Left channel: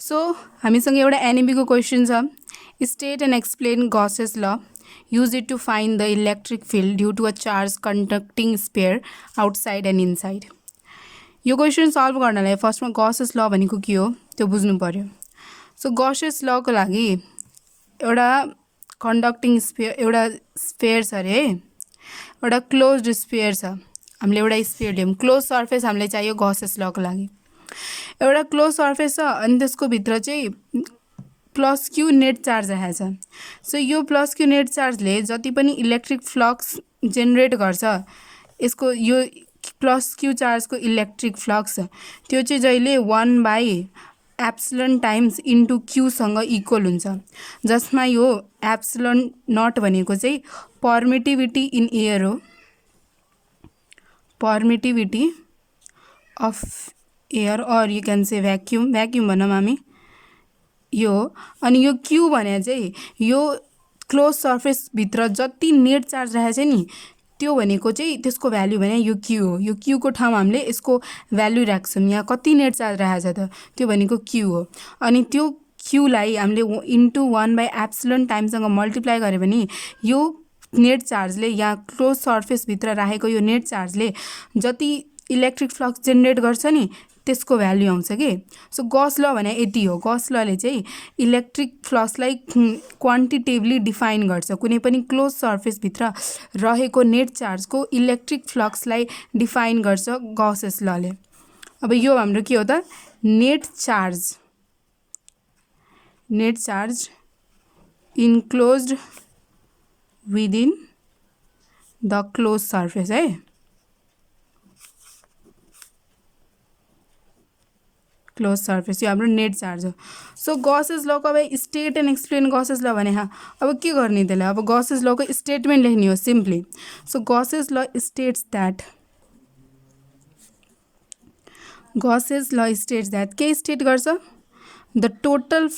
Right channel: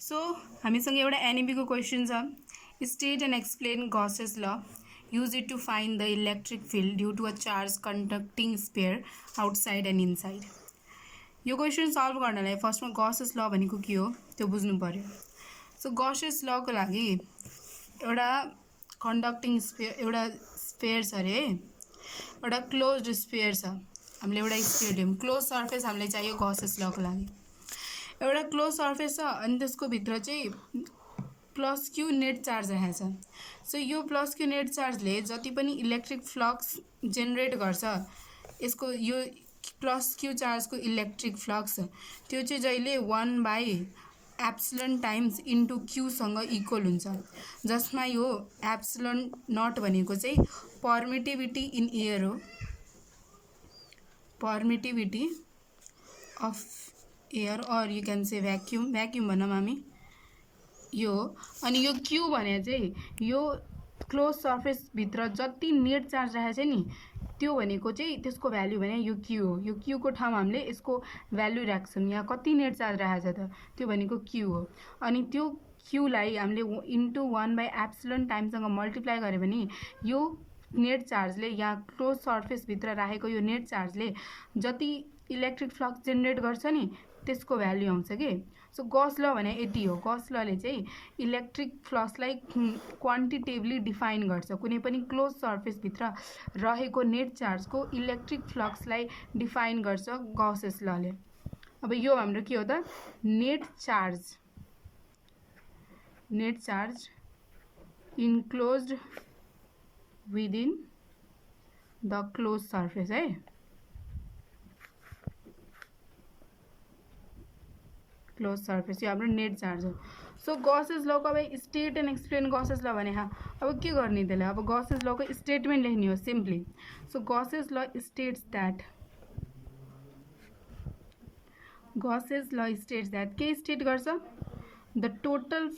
So हामीसँग एउटा एनइबीको क्वेसन छ, state and explain Gauss's law, use it to find the electric field due to a charge conducting sphere outside and inside. यो question solve गर्नलाई फर्स्टमा Gauss's ल भनेको के हो त्यो बुझ्नु पर्यो। सो गॉसेस लको लागि एउटा कंडक्टिङ स्पेयर एउटा स्पेयर छ अरे है, एउटा क्लोज्ड स्पेयर छ। हामीले एउटा स्पेयर लियौँ, क्लोज सर्फेस हामीलाई चाहियो गॉसेस लको लागि। एउटा क्लोज सर्फेस छ अनि त्यसको भित्र चाहिँ प्लस क्यू नेट चार्ज राखेको छ। सो यो प्लस क्यू नेट चार्जले जति पनि इलेक्ट्रिक फ्लक्स जेनेरेट गर्छ, यसको यो प्लस क्यू चार्जको इलेक्ट्रिक फ्लक्स त्यो चाहिँ जहिले 1/एप्सिलन टाइम्स इन्टु क्यूसँग इक्वल हुन्छ, जसमा यो एप्सिलन नट भनेको चाहिँ पर्मिटिभिटी इन एयर हो, पर्मिटिभिटी अफ एयर और यू क्यान से भ्याक्युम भनौँ हामी यो। अनि यो क्यू भने चाहिँ यो क्लोज सर्फेस भित्र जति नेट चार्ज राखेको छ नि त्यो भनेको चाहिँ त्यसको भ्याल्यु भने यो क्यू हो। यो क्यू को ठाउँमा हामीले यसको भ्याल्यु राख्छौँ, यहाँ कति नेट चार्ज राखेको छ त त्यो भनेको क्यू हो। अनि त्यो क्यूलाई हामीले इन्टु 1/एप्सिलन टाइमसँग मल्टिप्लाई गऱ्यो भने यो नेट चार्जले यहाँ क्लोज सर्फेसभित्र राखेको यो नेट चार्जले जति इलेक्ट्रिक फ्लक्स जेनेरेट गर्छ नि त्यसको भ्याल्यु आउँछ कि। सो गॉस ल भने यति हो। गॉस लले चाहिँ इलेक्ट्रिक फ्लक्सलाई क्वान्टिटेटिभली डिफाइन गर्छ, कुनै पनि क्लोज सर्फेसभित्र रहेको नेट चार्जको इलेक्ट्रिक फ्लक्सलाई डिफाइन गर्छ गॉसेस लले। अब यो हाम्रो के हो त, net charge enclosed within the close surface है। क्लोज सर्फेस यो हाम्रो नेट चार्ज हो। सो गॉसेस लको अब state and explain Gauss's law भने अब के गर्ने त्यसलाई, अब गॉसेस लको स्टेटमेन्ट लेख्ने हो सिम्पली। सो गॉसेस ल स्टेट्स दैट के स्टेट गर्छ, the total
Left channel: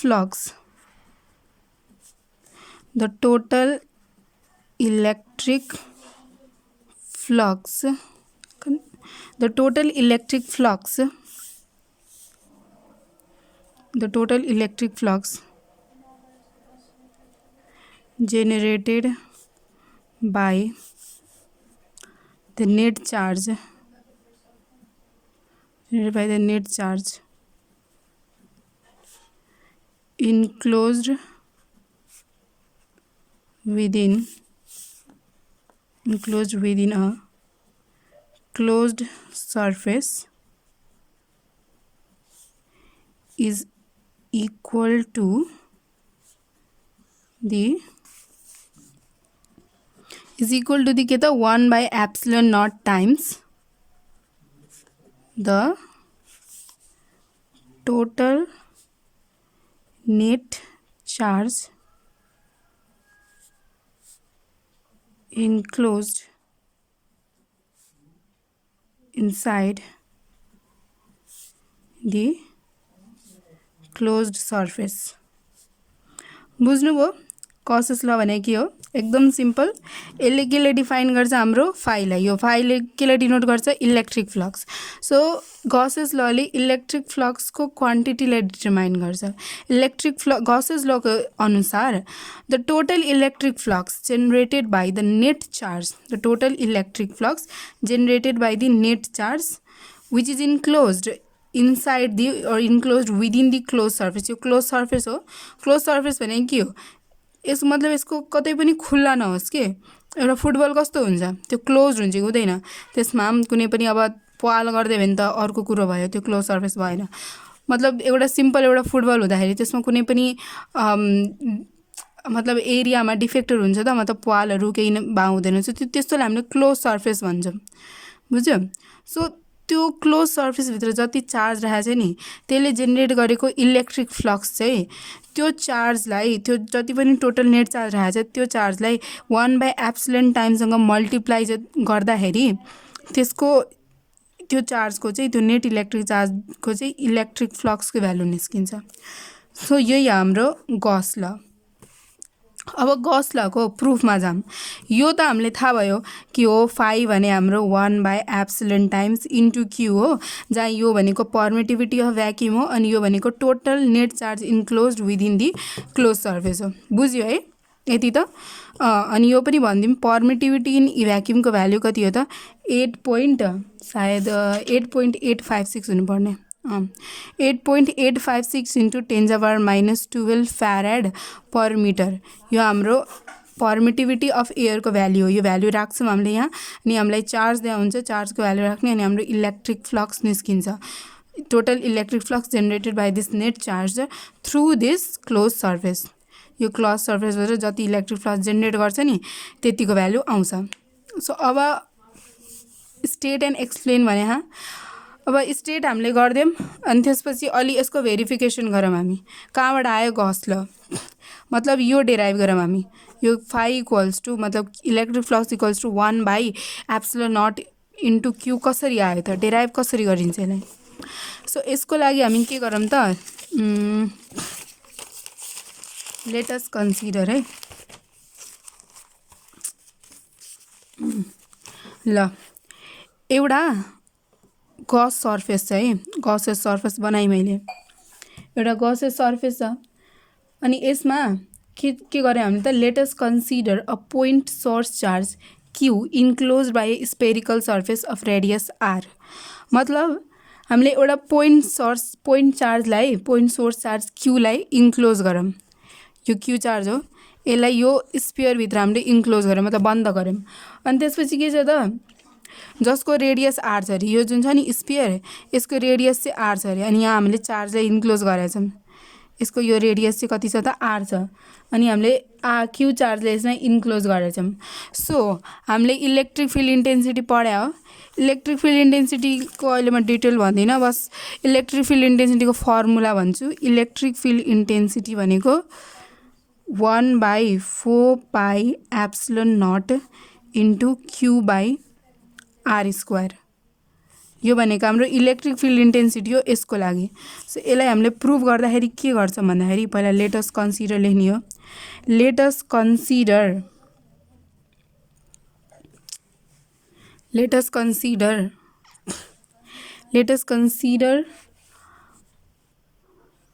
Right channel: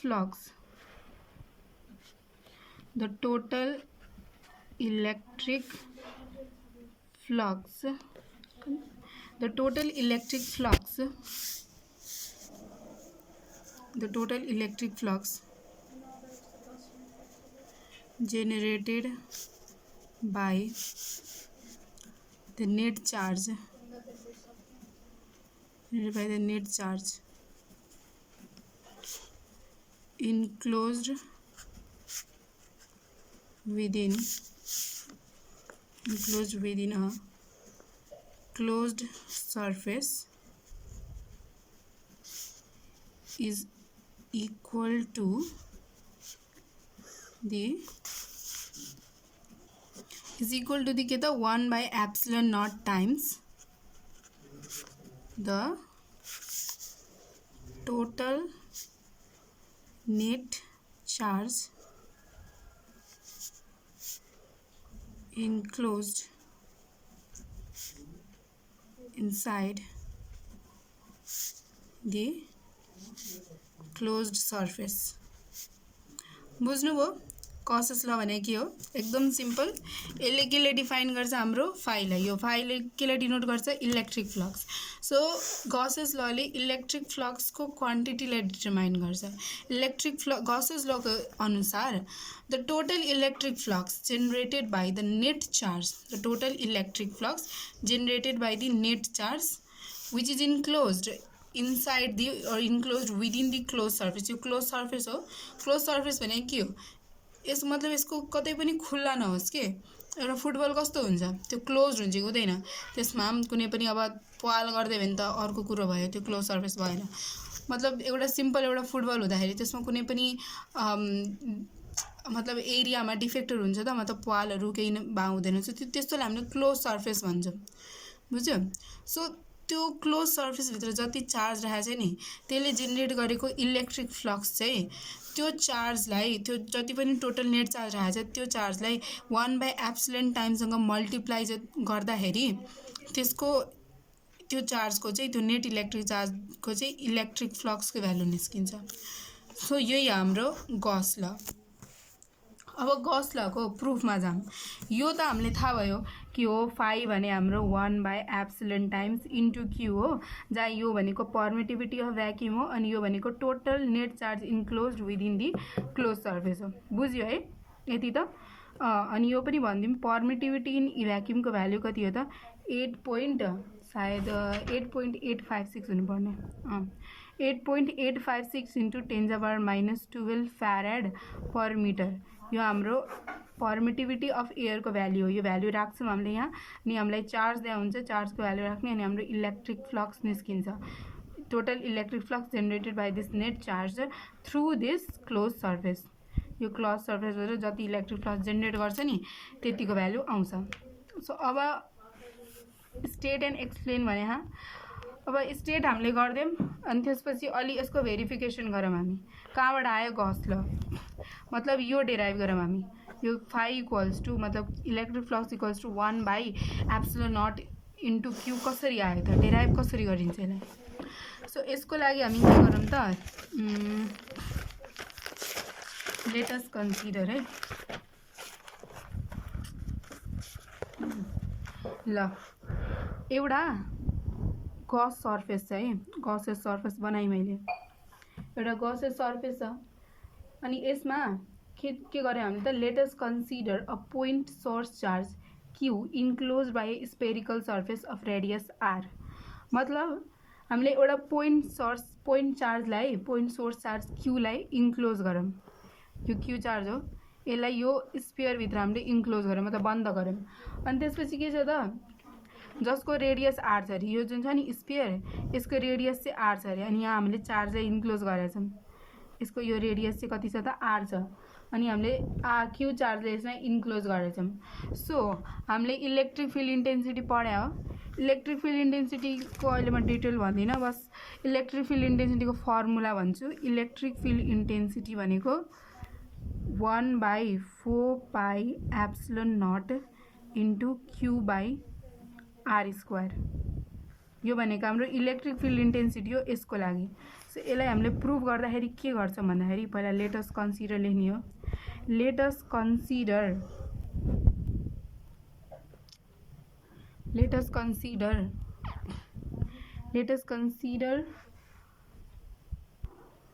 electric flux generated by the net charge enclosed within a closed surface is equal to the के त one by epsilon naught times the total net charge enclosed inside the closed surface. बुझ्नुभयो Gauss's law भने के हो, एकदम simple. यसले केले define गर्छ हाम्रो फाइलाई, यो फाइलले केले डिनोट गर्छ इलेक्ट्रिक फ्लक्स। सो गॉसेस लले इलेक्ट्रिक फ्लक्सको क्वान्टिटीलाई डिटरमाइन गर्छ। गॉसेस लको अनुसार the total electric flux generated by the net charge which is enclosed inside the or enclosed within the close surface. यो क्लोज सर्फेस हो। क्लोज सर्फेस भने के हो, यसको मतलब यसको कतै पनि खुल्ला नहोस् के। एउटा फुटबल कस्तो हुन्छ, त्यो क्लोज हुन्छ कि हुँदैन, त्यसमा कुनै पनि अब पाल गर्दै भने त अर्को कुरो भयो, त्यो क्लोज सर्फेस भएन। मतलब एउटा सिम्पल एउटा फुटबल हुँदाखेरि त्यसमा कुनै पनि मतलब एरियामा डिफेक्टेड हुन्छ त, मतलब पालहरू केही हुँदैन, त्यस्तोलाई हामीले क्लोज सर्फेस भन्छौँ, बुझ्यो। सो त्यो क्लोज सर्फेसभित्र जति चार्ज राखेको छ नि त्यसले जेनेरेट गरेको इलेक्ट्रिक फ्लक्स चाहिँ त्यो चार्जलाई, त्यो जति पनि टोटल नेट चार्ज राखेको छ त्यो चार्जलाई 1/एप्सिलन टाइमसँग मल्टिप्लाई गर्दाखेरि त्यसको त्यो चार्जको चाहिँ त्यो नेट इलेक्ट्रिक चार्जको चाहिँ इलेक्ट्रिक फ्लक्सको भ्यालु निस्किन्छ। सो यही हाम्रो गॉस ल। अब गॉस ल को प्रुफमा जाम। यो त हामीले थाहा भयो कि हो फाइ भने हाम्रो 1/एप्सिलोन टाइम्स इन्टु क्यू हो, जहाँ यो भनेको पर्मिटिभिटी अफ भ्याक्युम हो अनि यो भनेको total net charge enclose within the close surface हो। बुझ्यो है यति त। अनि यो पनि भनिदिउँ, पर्मिटिभिटी इन भ्याक्युमको भ्याल्यु कति हो त 8.856 हुनुपर्ने। 8.856 इन्टु 10⁻⁻12 फ्याराड पर मिटर यो हाम्रो पर्मिटिभिटी अफ एयरको भ्याल्यु हो। यो भ्याल्यु राख्छौँ हामीले यहाँ, अनि हामीलाई चार्ज दिया हुन्छ, चार्जको भ्याल्यु राख्ने, अनि हाम्रो इलेक्ट्रिक फ्लक्स निस्किन्छ। Total electric flux generated by this net charge through this close surface. यो क्लोज सर्फेसबाट जति इलेक्ट्रिक फ्लक्स जेनेरेट गर्छ नि त्यतिको भ्याल्यु आउँछ। सो अब स्टेट एन्ड एक्सप्लेन भने अब स्टेट हामीले गरिदियौँ, अनि त्यसपछि अलि यसको भेरिफिकेसन गरौँ हामी कहाँबाट आयो गॉस ल, मतलब यो डेराइभ गरौँ हामी। यो फाइ इक्वल्स टु मतलब electric flux equals to one by epsilon into q कसरी आयो त, डेराइभ कसरी गरिन्छ यसलाई। सो यसको लागि हामी के गरौँ त, लेट अस कन्सिडर है। ल एउटा गॉस सर्फेस छ है, गॉसेस सर्फेस बनाएँ मैले, एउटा गॉसेस सर्फेस छ। अनि यसमा के गरेँ हामीले त, let us consider a point source charge q enclose by spherical surface of radius r. मतलब हामीले एउटा पोइन्ट चार्जलाई, पोइन्ट सोर्स चार्ज क्यूलाई इन्क्लोज गरौँ। यो क्यू चार्ज हो, यसलाई यो स्पियरभित्र हामीले इन्क्लोज गऱ्यौँ, मतलब बन्द गऱ्यौँ। अनि त्यसपछि के छ त, जसको रेडियस आर छ अरे, यो जुन छ नि स्पियर, यसको रेडियस चाहिँ आर छ अरे, अनि यहाँ हामीले चार्जलाई इन्क्लोज गरेका छौँ। यसको यो रेडियस चाहिँ कति छ त, आर छ, अनि हामीले क्यू चार्जले यसमा इन्क्लोज गरेका छौँ। सो हामीले इलेक्ट्रिक फिल्ड इन्टेन्सिटी पढ्या हो। इलेक्ट्रिक फिल्ड इन्टेन्सिटीको अहिले म डिटेल भन्दिनँ, बस इलेक्ट्रिक फिल्ड इन्टेन्सिटीको फर्मुला भन्छु। इलेक्ट्रिक फिल्ड इन्टेन्सिटी भनेको 1/4πε0 इन्टु Q/r²। यो भनेको हाम्रो इलेक्ट्रिक फिल्ड इन्टेन्सिटी हो यसको लागि। सो यसलाई हामीले प्रुभ गर्दाखेरि के गर्छौँ भन्दाखेरि पहिला लेट अस कन्सिडर लेख्ने हो। Let us consider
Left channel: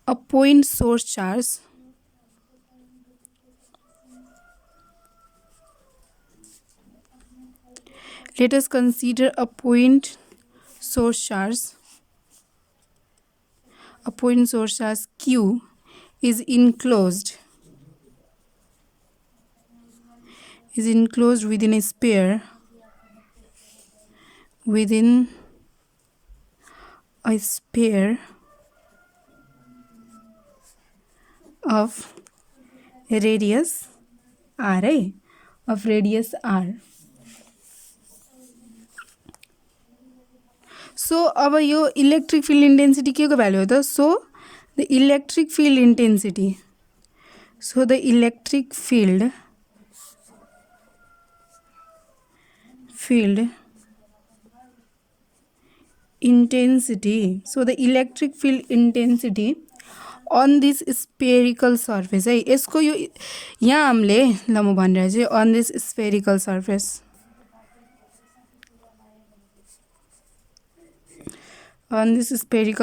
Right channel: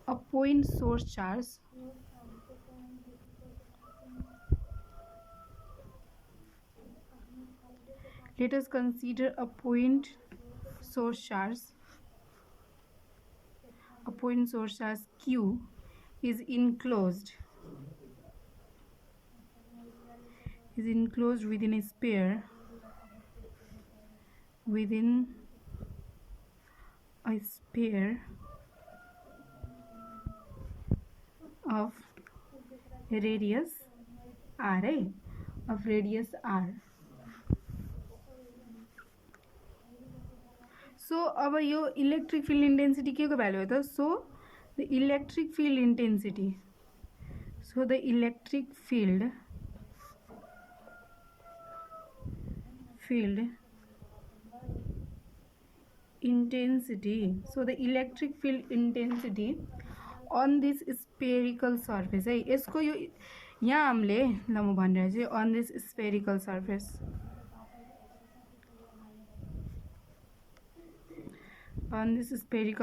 a point source charge let us consider a point source charge Q is enclosed within a sphere of radius r। So अब यो इलेक्ट्रिक फिल्ड इन्टेन्सिटी के को भ्यालु हो त, so the electric field intensity so the electric field intensity on this spherical surface है। यसको यो यहाँ हामीले ल म भनिरहेको छु, on this spherical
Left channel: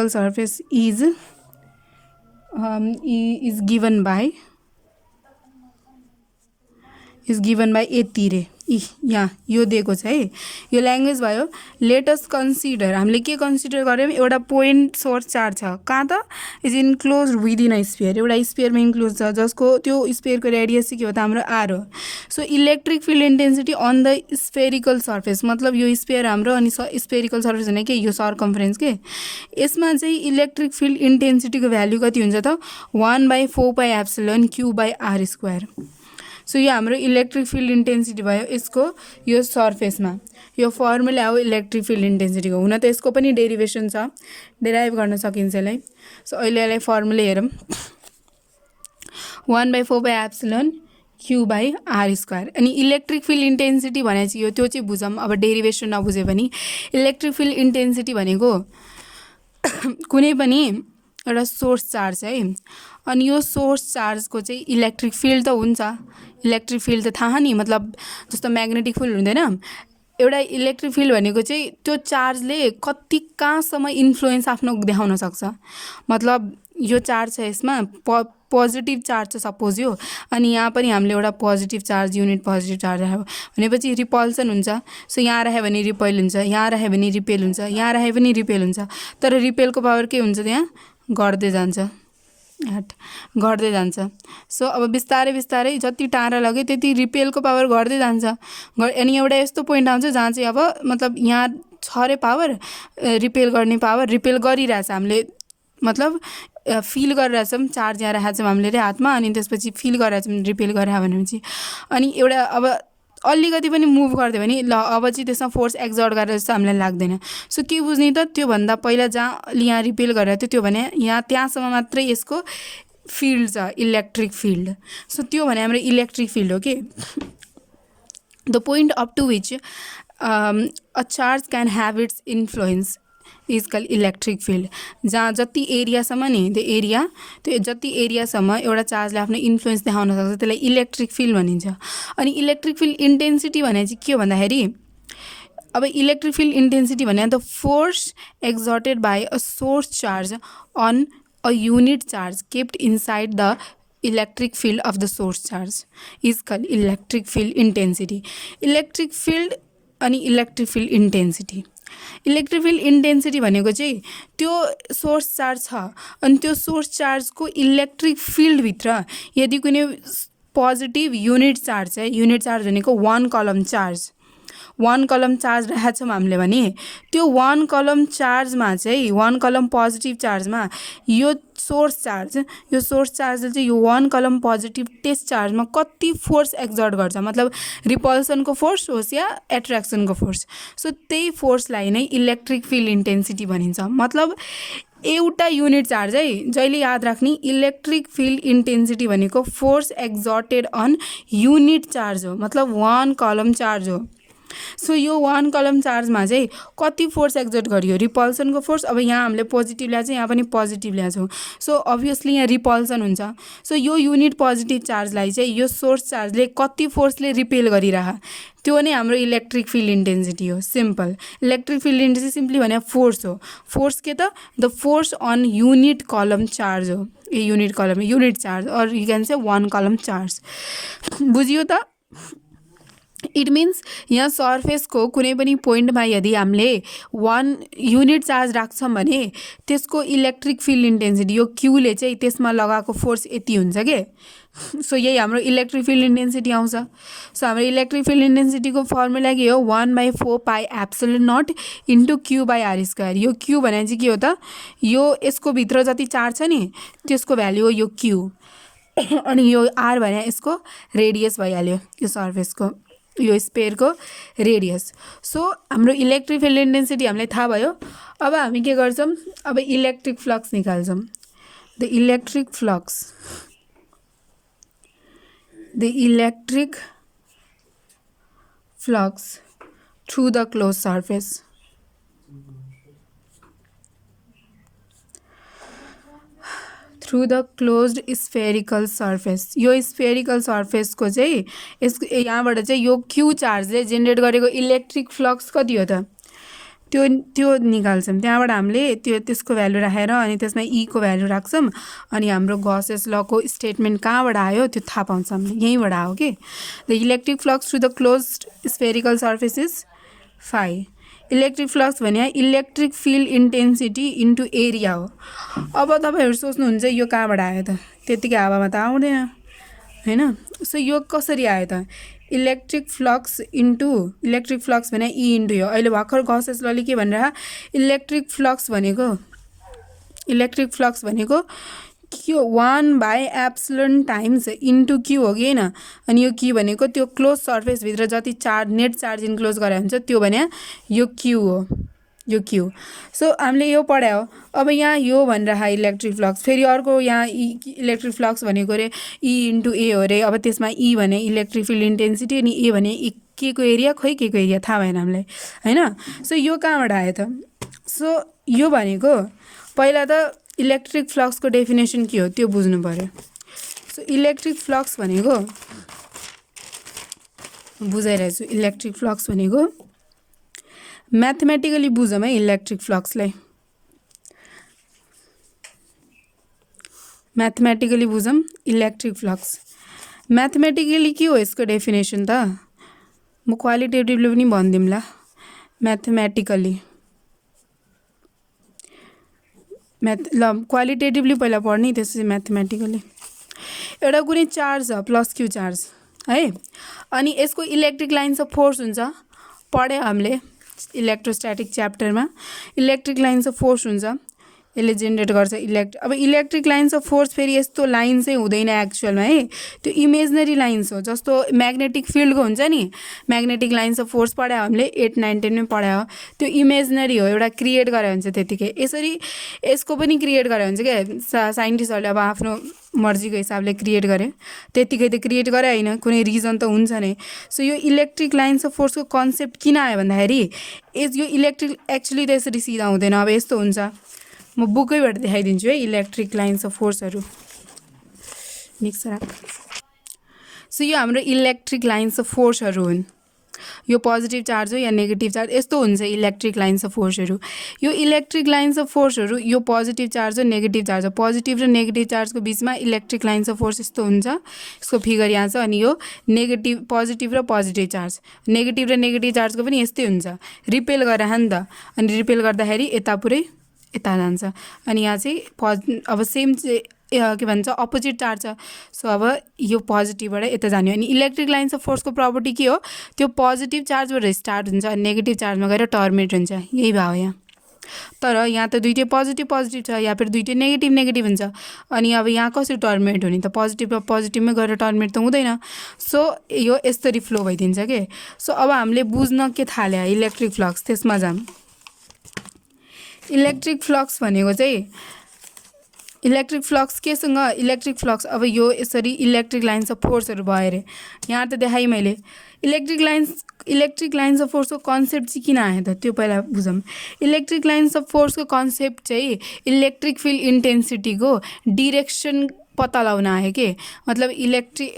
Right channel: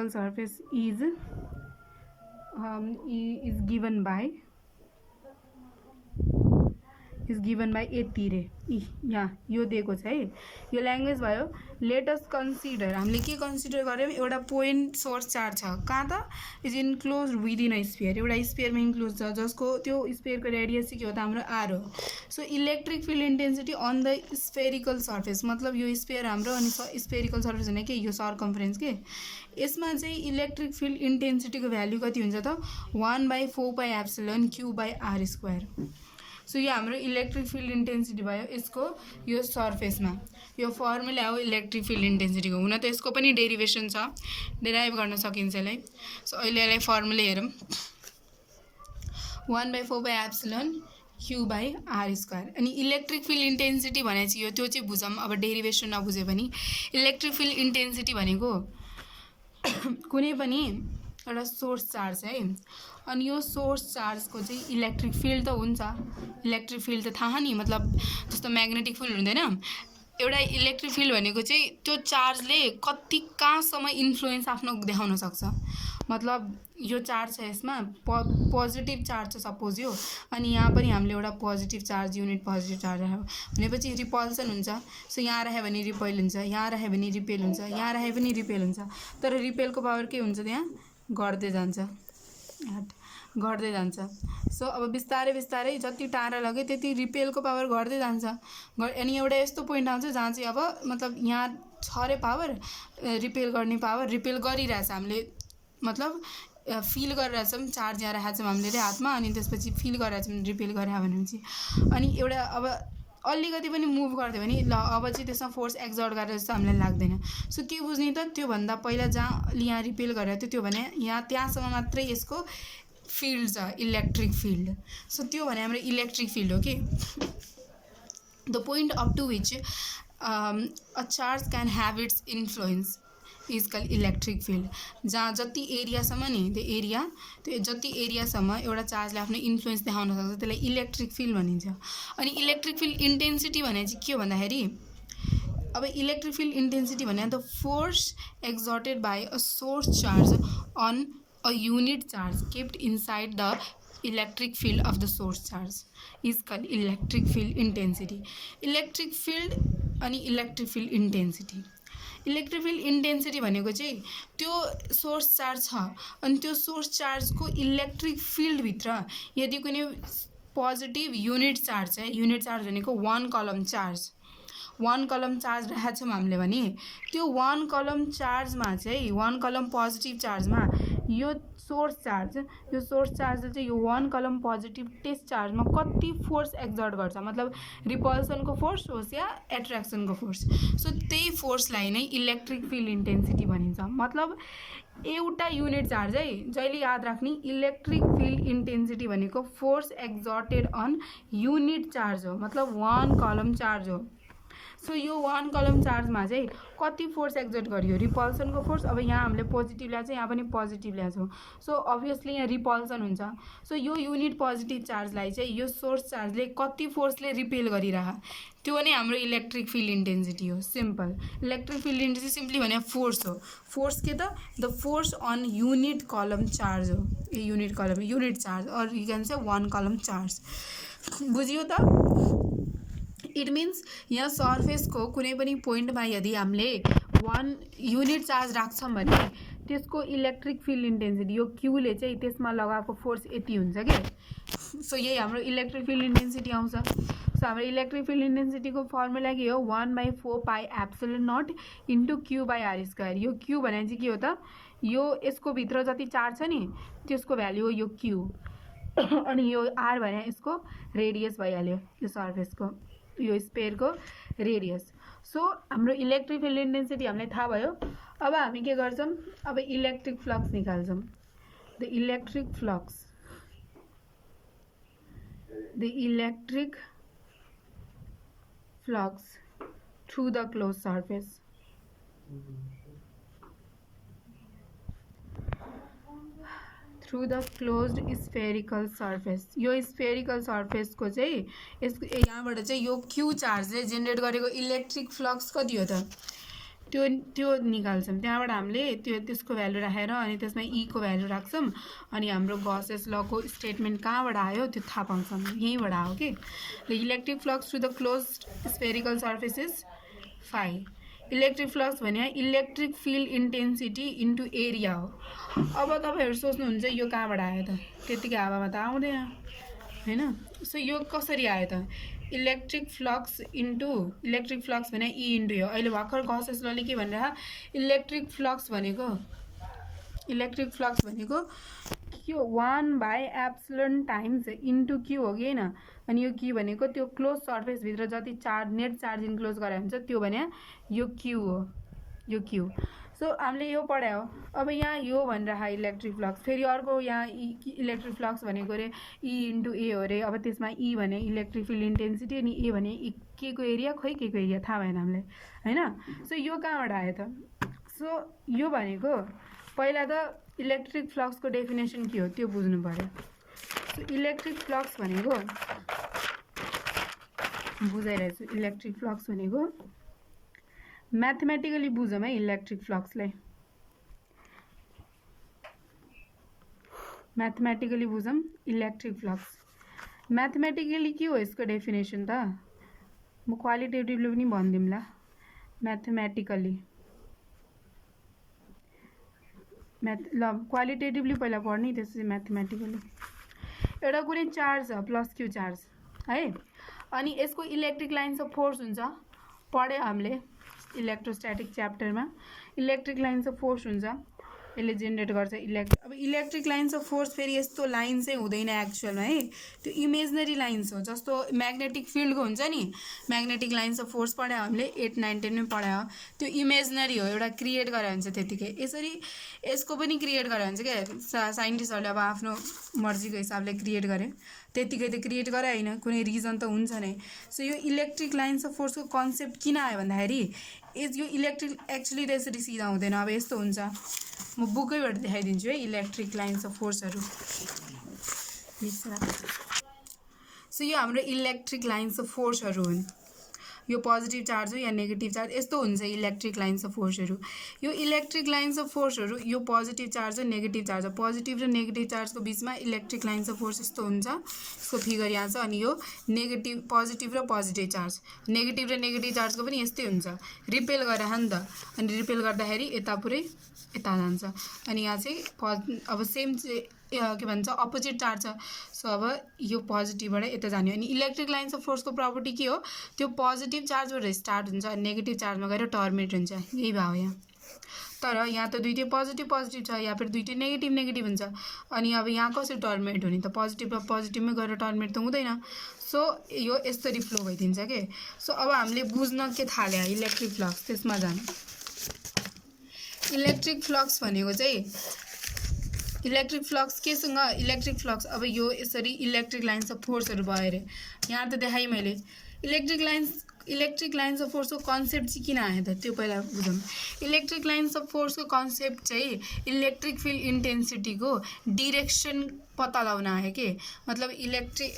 surface is given by यति रे। यहाँ यो दिएको छ है, यो ल्याङ्ग्वेज भयो। लेट अस कन्सिडर, हामीले के कन्सिडर गऱ्यौँ, एउटा पोइन्ट सोर्स चार्ज छ कहाँ त, is enclose within a sphere, एउटा स्पियरमा इन्क्लोज छ, जसको त्यो स्पियरको रेडियस चाहिँ के हो त, हाम्रो आर हो। So electric field intensity on the spherical surface, मतलब यो स्पियर हाम्रो, अनि स्पेरिकल सर्फेस भने के, यो सर्कम्फरेन्स के, यसमा चाहिँ इलेक्ट्रिक फिल्ड इन्टेन्सिटीको भ्याल्यु कति हुन्छ त, 1/4πε Q/r²। सो यो हाम्रो इलेक्ट्रिक फिल्ड इन्टेन्सिटी भयो यसको यो सर्फेसमा। यो फर्मुला हो इलेक्ट्रिक फिल्ड इन्टेन्सिटीको। हुन त यसको पनि डेरिभेसन छ, डेराइभ गर्न सकिन्छ यसलाई। सो अहिले यसलाई फर्मुला हेरौँ, 1/4πε Q/r²। अनि इलेक्ट्रिक फिल्ड इन्टेन्सिटी भने चाहिँ यो, त्यो चाहिँ बुझौँ। अब डेरिभेसन नबुझ्यो भने इलेक्ट्रिक फिल्ड इन्टेन्सिटी भनेको कुनै पनि एउटा सोर्स चार्ज है। अनि यो सोर्स चार्जको चाहिँ इलेक्ट्रिक फिल्ड त हुन्छ, इलेक्ट्रिक फिल्ड त थाहा नि, मतलब जस्तो म्याग्नेटिक फिल्ड हुँदैन, एउटा इलेक्ट्रिक फिल्ड भनेको चाहिँ त्यो चार्जले कति कहाँसम्म इन्फ्लुएन्स आफ्नो देखाउन सक्छ। मतलब यो चार्ज छ, यसमा पोजिटिभ चार्ज छ सपोज यो, अनि यहाँ पनि हामीले एउटा positive charge, unit positive charge राख्यो भनेपछि रिपल्सन हुन्छ। सो यहाँ राख्यो भने रिपेल हुन्छ, यहाँ राख्यो भने रिपेल हुन्छ, यहाँ राख्यो पनि रिपेल हुन्छ। तर रिपेलको पावर के हुन्छ, त्यहाँ घट्दै जान्छ, घट्दै जान्छ। सो अब बिस्तारै बिस्तारै जति टाढा लग्यो त्यति रिपेलको पावर घट्दै जान्छ। अनि एउटा यस्तो पोइन्ट आउँछ जहाँ चाहिँ अब मतलब यहाँ छ रे पावर, रिपेल गर्ने पावर, रिपेल गरिरहेछ हामीले, मतलब फिल गरिरहेछौँ, चार्ज यहाँ राखेको छौँ हामीले रे हातमा, अनि त्यसपछि फिल गरिरहेछौँ रिपेल गरेर भनेपछि। अनि एउटा अब अलिकति पनि मुभ गरिदियो भने ल अब चाहिँ त्यसमा फोर्स एक्जर्ट गरेर जस्तो हामीलाई लाग्दैन। सो के बुझ्ने त, त्योभन्दा पहिला जहाँ यहाँ रिपेल गरेर थियो त्यो भने यहाँ त्यहाँसम्म मात्रै यसको फिल्ड छ, इलेक्ट्रिक फिल्ड। सो त्यो भने हाम्रो इलेक्ट्रिक फिल्ड हो कि the point up to which a charge can have its influence is call electric field. जहाँ जति एरियासम्म नि त्यो एरिया, त्यो जति एरियासम्म एउटा चार्जले आफ्नो इन्फ्लुएन्स देखाउन सक्छ त्यसलाई इलेक्ट्रिक फिल्ड भनिन्छ। अनि इलेक्ट्रिक फिल्ड इन्टेन्सिटी भने चाहिँ के हो भन्दाखेरि, अब इलेक्ट्रिक फिल्ड इन्टेन्सिटी भने the force exerted by a source charge on a unit charge kept inside the electric field of the source charge is call electric field intensity. Electric field अनि electric field intensity, electric field intensity भनेको चाहिँ त्यो source charge छ अनि त्यो source चार्जको electric फिल्डभित्र यदि कुनै positive unit charge छ, युनिट चार्ज भनेको वान कलम चार्ज, वान कलम चार्ज राखेको छौँ हामीले भने त्यो वान कलम चार्जमा चाहिँ, वान कलम पोजिटिभ चार्जमा यो सोर्स चार्जले चाहिँ यो वान कलम पोजिटिभ टेस्ट चार्जमा कति फोर्स एक्जर्ट गर्छ, मतलब रिपल्सनको फोर्स होस् या एट्र्याक्सनको फोर्स। सो त्यही फोर्सलाई नै इलेक्ट्रिक फिल्ड इन्टेन्सिटी भनिन्छ। मतलब एउटा युनिट चार्ज है, जहिले याद राख्ने इलेक्ट्रिक फिल्ड इन्टेन्सिटी भनेको force exerted on unit charge हो, मतलब वान कलम चार्ज हो। सो यो वान कलम चार्जमा चाहिँ कति फोर्स एक्जर्ट गरियो, रिपल्सनको फोर्स। अब यहाँ हामीले पोजिटिभ ल्याएको छ, यहाँ पनि पोजिटिभ ल्याएको छौँ, सो अभियसली यहाँ रिपल्सन हुन्छ। सो यो युनिट पोजिटिभ चार्जलाई चाहिँ यो सोर्स चार्जले कति फोर्सले रिपेल गरिरह, त्यो नै हाम्रो इलेक्ट्रिक फिल्ड इन्टेन्सिटी हो। Simple, electric field intensity simply भने फोर्स हो। फोर्स के त, द फोर्स अन युनिट कलम चार्ज हो, ए युनिट कलम युनिट चार्ज, और यु क्यान से वान कलम चार्ज। बुझियो त? इट मिन्स यहाँ सर्फेसको कुनै पनि पोइन्टमा यदि हामीले वान युनिट चार्ज राख्छौँ भने त्यसको इलेक्ट्रिक फिल्ड इन्टेन्सिटी यो क्यूले चाहिँ त्यसमा लगाएको फोर्स यति हुन्छ के। सो यही हाम्रो इलेक्ट्रिक फिल्ड इन्टेन्सिटी आउँछ। सो हाम्रो इलेक्ट्रिक फिल्ड इन्टेन्सिटीको फर्मुला के हो, 1/4 pi epsilon nought into Q by R square. यो क्यू भने चाहिँ के हो त, यो यसको भित्र जति चार्ज छ नि त्यसको भ्याल्यु हो यो क्यू, अनि यो आर भने यसको रेडियस भइहाल्यो, यो सर्फेसको यो स्पेयरको रेडियस। सो हाम्रो इलेक्ट्रिक फिल्ड इन्टेन्सिटी हामीलाई थाहा भयो। अब हामी के गर्छौँ, अब इलेक्ट्रिक फ्लक्स निकाल्छौँ। The electric flux through the close surface. Through the closed spherical surface. यो स्फेरिकल सर्फेसको चाहिँ यसको यहाँबाट चाहिँ यो क्यू चार्जले जेनेरेट गरेको इलेक्ट्रिक फ्लक्स कति हो त, त्यो निकाल्छौँ। त्यहाँबाट हामीले त्यसको भ्यालु राखेर अनि त्यसमा ईको भ्यालु राख्छौँ, अनि हाम्रो गॉसेस लको स्टेटमेन्ट कहाँबाट आयो त्यो थाहा पाउँछौँ, यहीँबाट आयो कि। The electric flux through the closed spherical surface is phi. Electric flux भने electric field intensity into area हो। अब तपाईँहरू सोच्नुहुन्छ यो कहाँबाट आयो त, त्यतिकै हावामा त आउँदैन होइन। सो यो कसरी आयो त, इलेक्ट्रिक फ्लक्स भने ई इन्टु यो। अहिले भर्खर गॉसेस लले के भनेर इलेक्ट्रिक फ्लक्स भनेको क्यू 1/एप्सिलोन टाइम्स इन्टु क्यू हो कि होइन। अनि यो क्यू भनेको त्यो क्लोज सर्फेसभित्र जति चार्ज नेट चार्ज इन्क्लोज गरे हुन्छ त्यो भने यो क्यू हो, यो क्यू। सो हामीले यो पढायो। अब यहाँ यो भनेर इलेक्ट्रिक फ्लक्स, फेरि अर्को यहाँ इलेक्ट्रिक फ्लक्स भनेको अरे ई इन्टु ए हो अरे। अब त्यसमा ई भने इलेक्ट्रिक फिल्ड इन्टेन्सिटी अनि ए भने के को एरिया, खोइ के को एरिया थाहा भएन हामीलाई होइन। सो यो कहाँबाट आयो त, सो यो भनेको पहिला त इलेक्ट्रिक फ्लक्सको डेफिनेसन के हो त्यो बुझ्नु पर्यो। सो इलेक्ट्रिक फ्लक्स भनेको बुझाइरहेछु। इलेक्ट्रिक फ्लक्स भनेको म्याथमेटिकली बुझौँ है। इलेक्ट्रिक फ्लक्सलाई म्याथमेटिकली बुझौँ। इलेक्ट्रिक फ्लक्स म्याथमेटिकली के हो यसको डेफिनेसन त म क्वालिटेटिभली पनि भनिदिउँला। म्याथमेटिकली ल क्वालिटेटिभली पहिला पढ्ने त्यसपछि म्याथमेटिकली। एउटा कुनै चार्ज छ प्लस क्यू चार्ज है, अनि यसको इलेक्ट्रिक लाइन्स अफ फोर्स हुन्छ। पढ्यो हामीले इलेक्ट्रोस्ट्याटिक च्याप्टरमा। इलेक्ट्रिक लाइन्स अफ फोर्स हुन्छ, यसले जेनेरेट गर्छ अब इलेक्ट्रिक लाइन्स अफ फोर्स फेरि यस्तो लाइन चाहिँ हुँदैन एक्चुअलमा है, त्यो इमेजनरी लाइन्स हो। जस्तो म्याग्नेटिक फिल्डको हुन्छ नि, म्याग्नेटिक लाइन्स अफ फोर्स पढायो हामीले 8, 9, 10 मै पढायो। त्यो इमेजनरी हो, एउटा क्रिएट गरे हुन्छ त्यतिकै। यसरी यसको पनि क्रिएट गरे हुन्छ क्या साइन्टिस्टहरूले, अब आफ्नो मर्जीको हिसाबले क्रिएट गरे। त्यतिकै त क्रिएट गरे होइन, कुनै रिजन त हुन्छ नै। सो यो इलेक्ट्रिक लाइन्स अफ फोर्सको कन्सेप्ट किन आयो भन्दाखेरि यो इलेक्ट्रिक एक्चुअली त यसरी सिधा हुँदैन। अब यस्तो हुन्छ, म बुकैबाट देखाइदिन्छु है इलेक्ट्रिक लाइन्स अफ फोर्सहरू मिक्सर। सो यो हाम्रो इलेक्ट्रिक लाइन्स अफ फोर्सहरू हुन्। यो पोजिटिभ चार्ज हो या नेगेटिभ चार्ज, यस्तो हुन्छ इलेक्ट्रिक लाइन्स अफ फोर्सहरू। यो इलेक्ट्रिक लाइन्स अफ फोर्सहरू यो पोजिटिभ चार्ज हो नेगेटिभ चार्ज हो। पोजिटिभ र नेगेटिभ चार्जको बिचमा इलेक्ट्रिक लाइन्स अफ फोर्स यस्तो हुन्छ। यसको फिगर यहाँ छ। अनि यो नेगेटिभ पोजिटिभ र पोजिटिभ चार्ज, नेगेटिभ र नेगेटिभ चार्जको पनि यस्तै हुन्छ। रिपेल गरेर नि त, अनि रिपेल गर्दाखेरि यता पुरै यता जान्छ। अनि यहाँ चाहिँ अब सेम चाहिँ के भन्छ अपोजिट चार्ज छ। सो अब यो पोजिटिभबाट यता जाने। अनि इलेक्ट्रिक लाइन्स अफ फोर्सको प्रपर्टी के हो, त्यो पोजिटिभ चार्जबाट स्टार्ट हुन्छ अनि नेगेटिभ चार्जमा गएर टर्मिनेट हुन्छ। यही भयो यहाँ। तर यहाँ त दुइटै पोजिटिभ पोजिटिभ छ, या फिर दुइटै नेगेटिभ नेगेटिभ हुन्छ। अनि अब यहाँ कसरी टर्मिनेट हुने त, पोजिटिभ र पोजिटिभमै गएर टर्मिनेट त हुँदैन। सो यो यसरी फ्लो भइदिन्छ के। सो अब हामीले बुझ्न के थाल्यो इलेक्ट्रिक फ्लक्स, त्यसमा जाम। इलेक्ट्रिक फ्लक्स भनेको चाहिँ इलेक्ट्रिक फ्लक्स केसँग, इलेक्ट्रिक फ्लक्स अब यो यसरी इलेक्ट्रिक लाइन्स अफ फोर्सहरू भयो अरे। यहाँ त देखाएँ मैले। इलेक्ट्रिक लाइन्स अफ फोर्सको कन्सेप्ट चाहिँ किन आयो त त्यो पहिला बुझौँ। इलेक्ट्रिक लाइन्स अफ फोर्सको कन्सेप्ट चाहिँ इलेक्ट्रिक फिल्ड इन्टेन्सिटीको डिरेक्सन पत्ता लगाउन आयो के। मतलब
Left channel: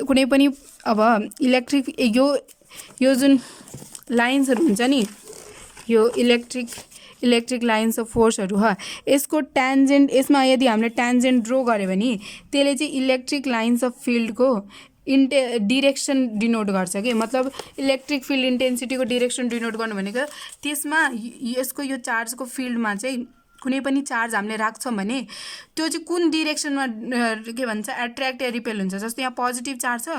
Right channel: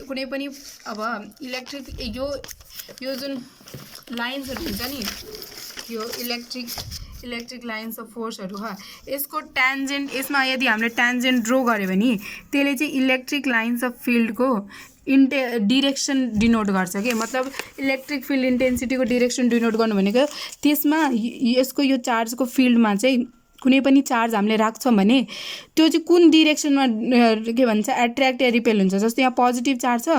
कुनै पनि अब इलेक्ट्रिक यो जुन लाइन्सहरू हुन्छ नि, यो इलेक्ट्रिक लाइन्स अफ फोर्सहरू हो, यसको ट्यान्जेन्ट, यसमा यदि हामीले ट्यान्जेन्ट ड्रो गऱ्यो भने त्यसले चाहिँ इलेक्ट्रिक लाइन्स अफ फिल्डको डिरेक्सन डिनोट गर्छ कि। मतलब इलेक्ट्रिक फिल्ड इन्टेन्सिटीको डिरेक्सन डिनोट गर्नु भनेको त्यसमा यसको यो चार्जको फिल्डमा चाहिँ कुनै पनि चार्ज हामीले राख्छौँ भने त्यो चाहिँ कुन डिरेक्सनमा के भन्छ एट्र्याक्ट या रिपेल हुन्छ। जस्तो यहाँ पोजिटिभ चार्ज छ,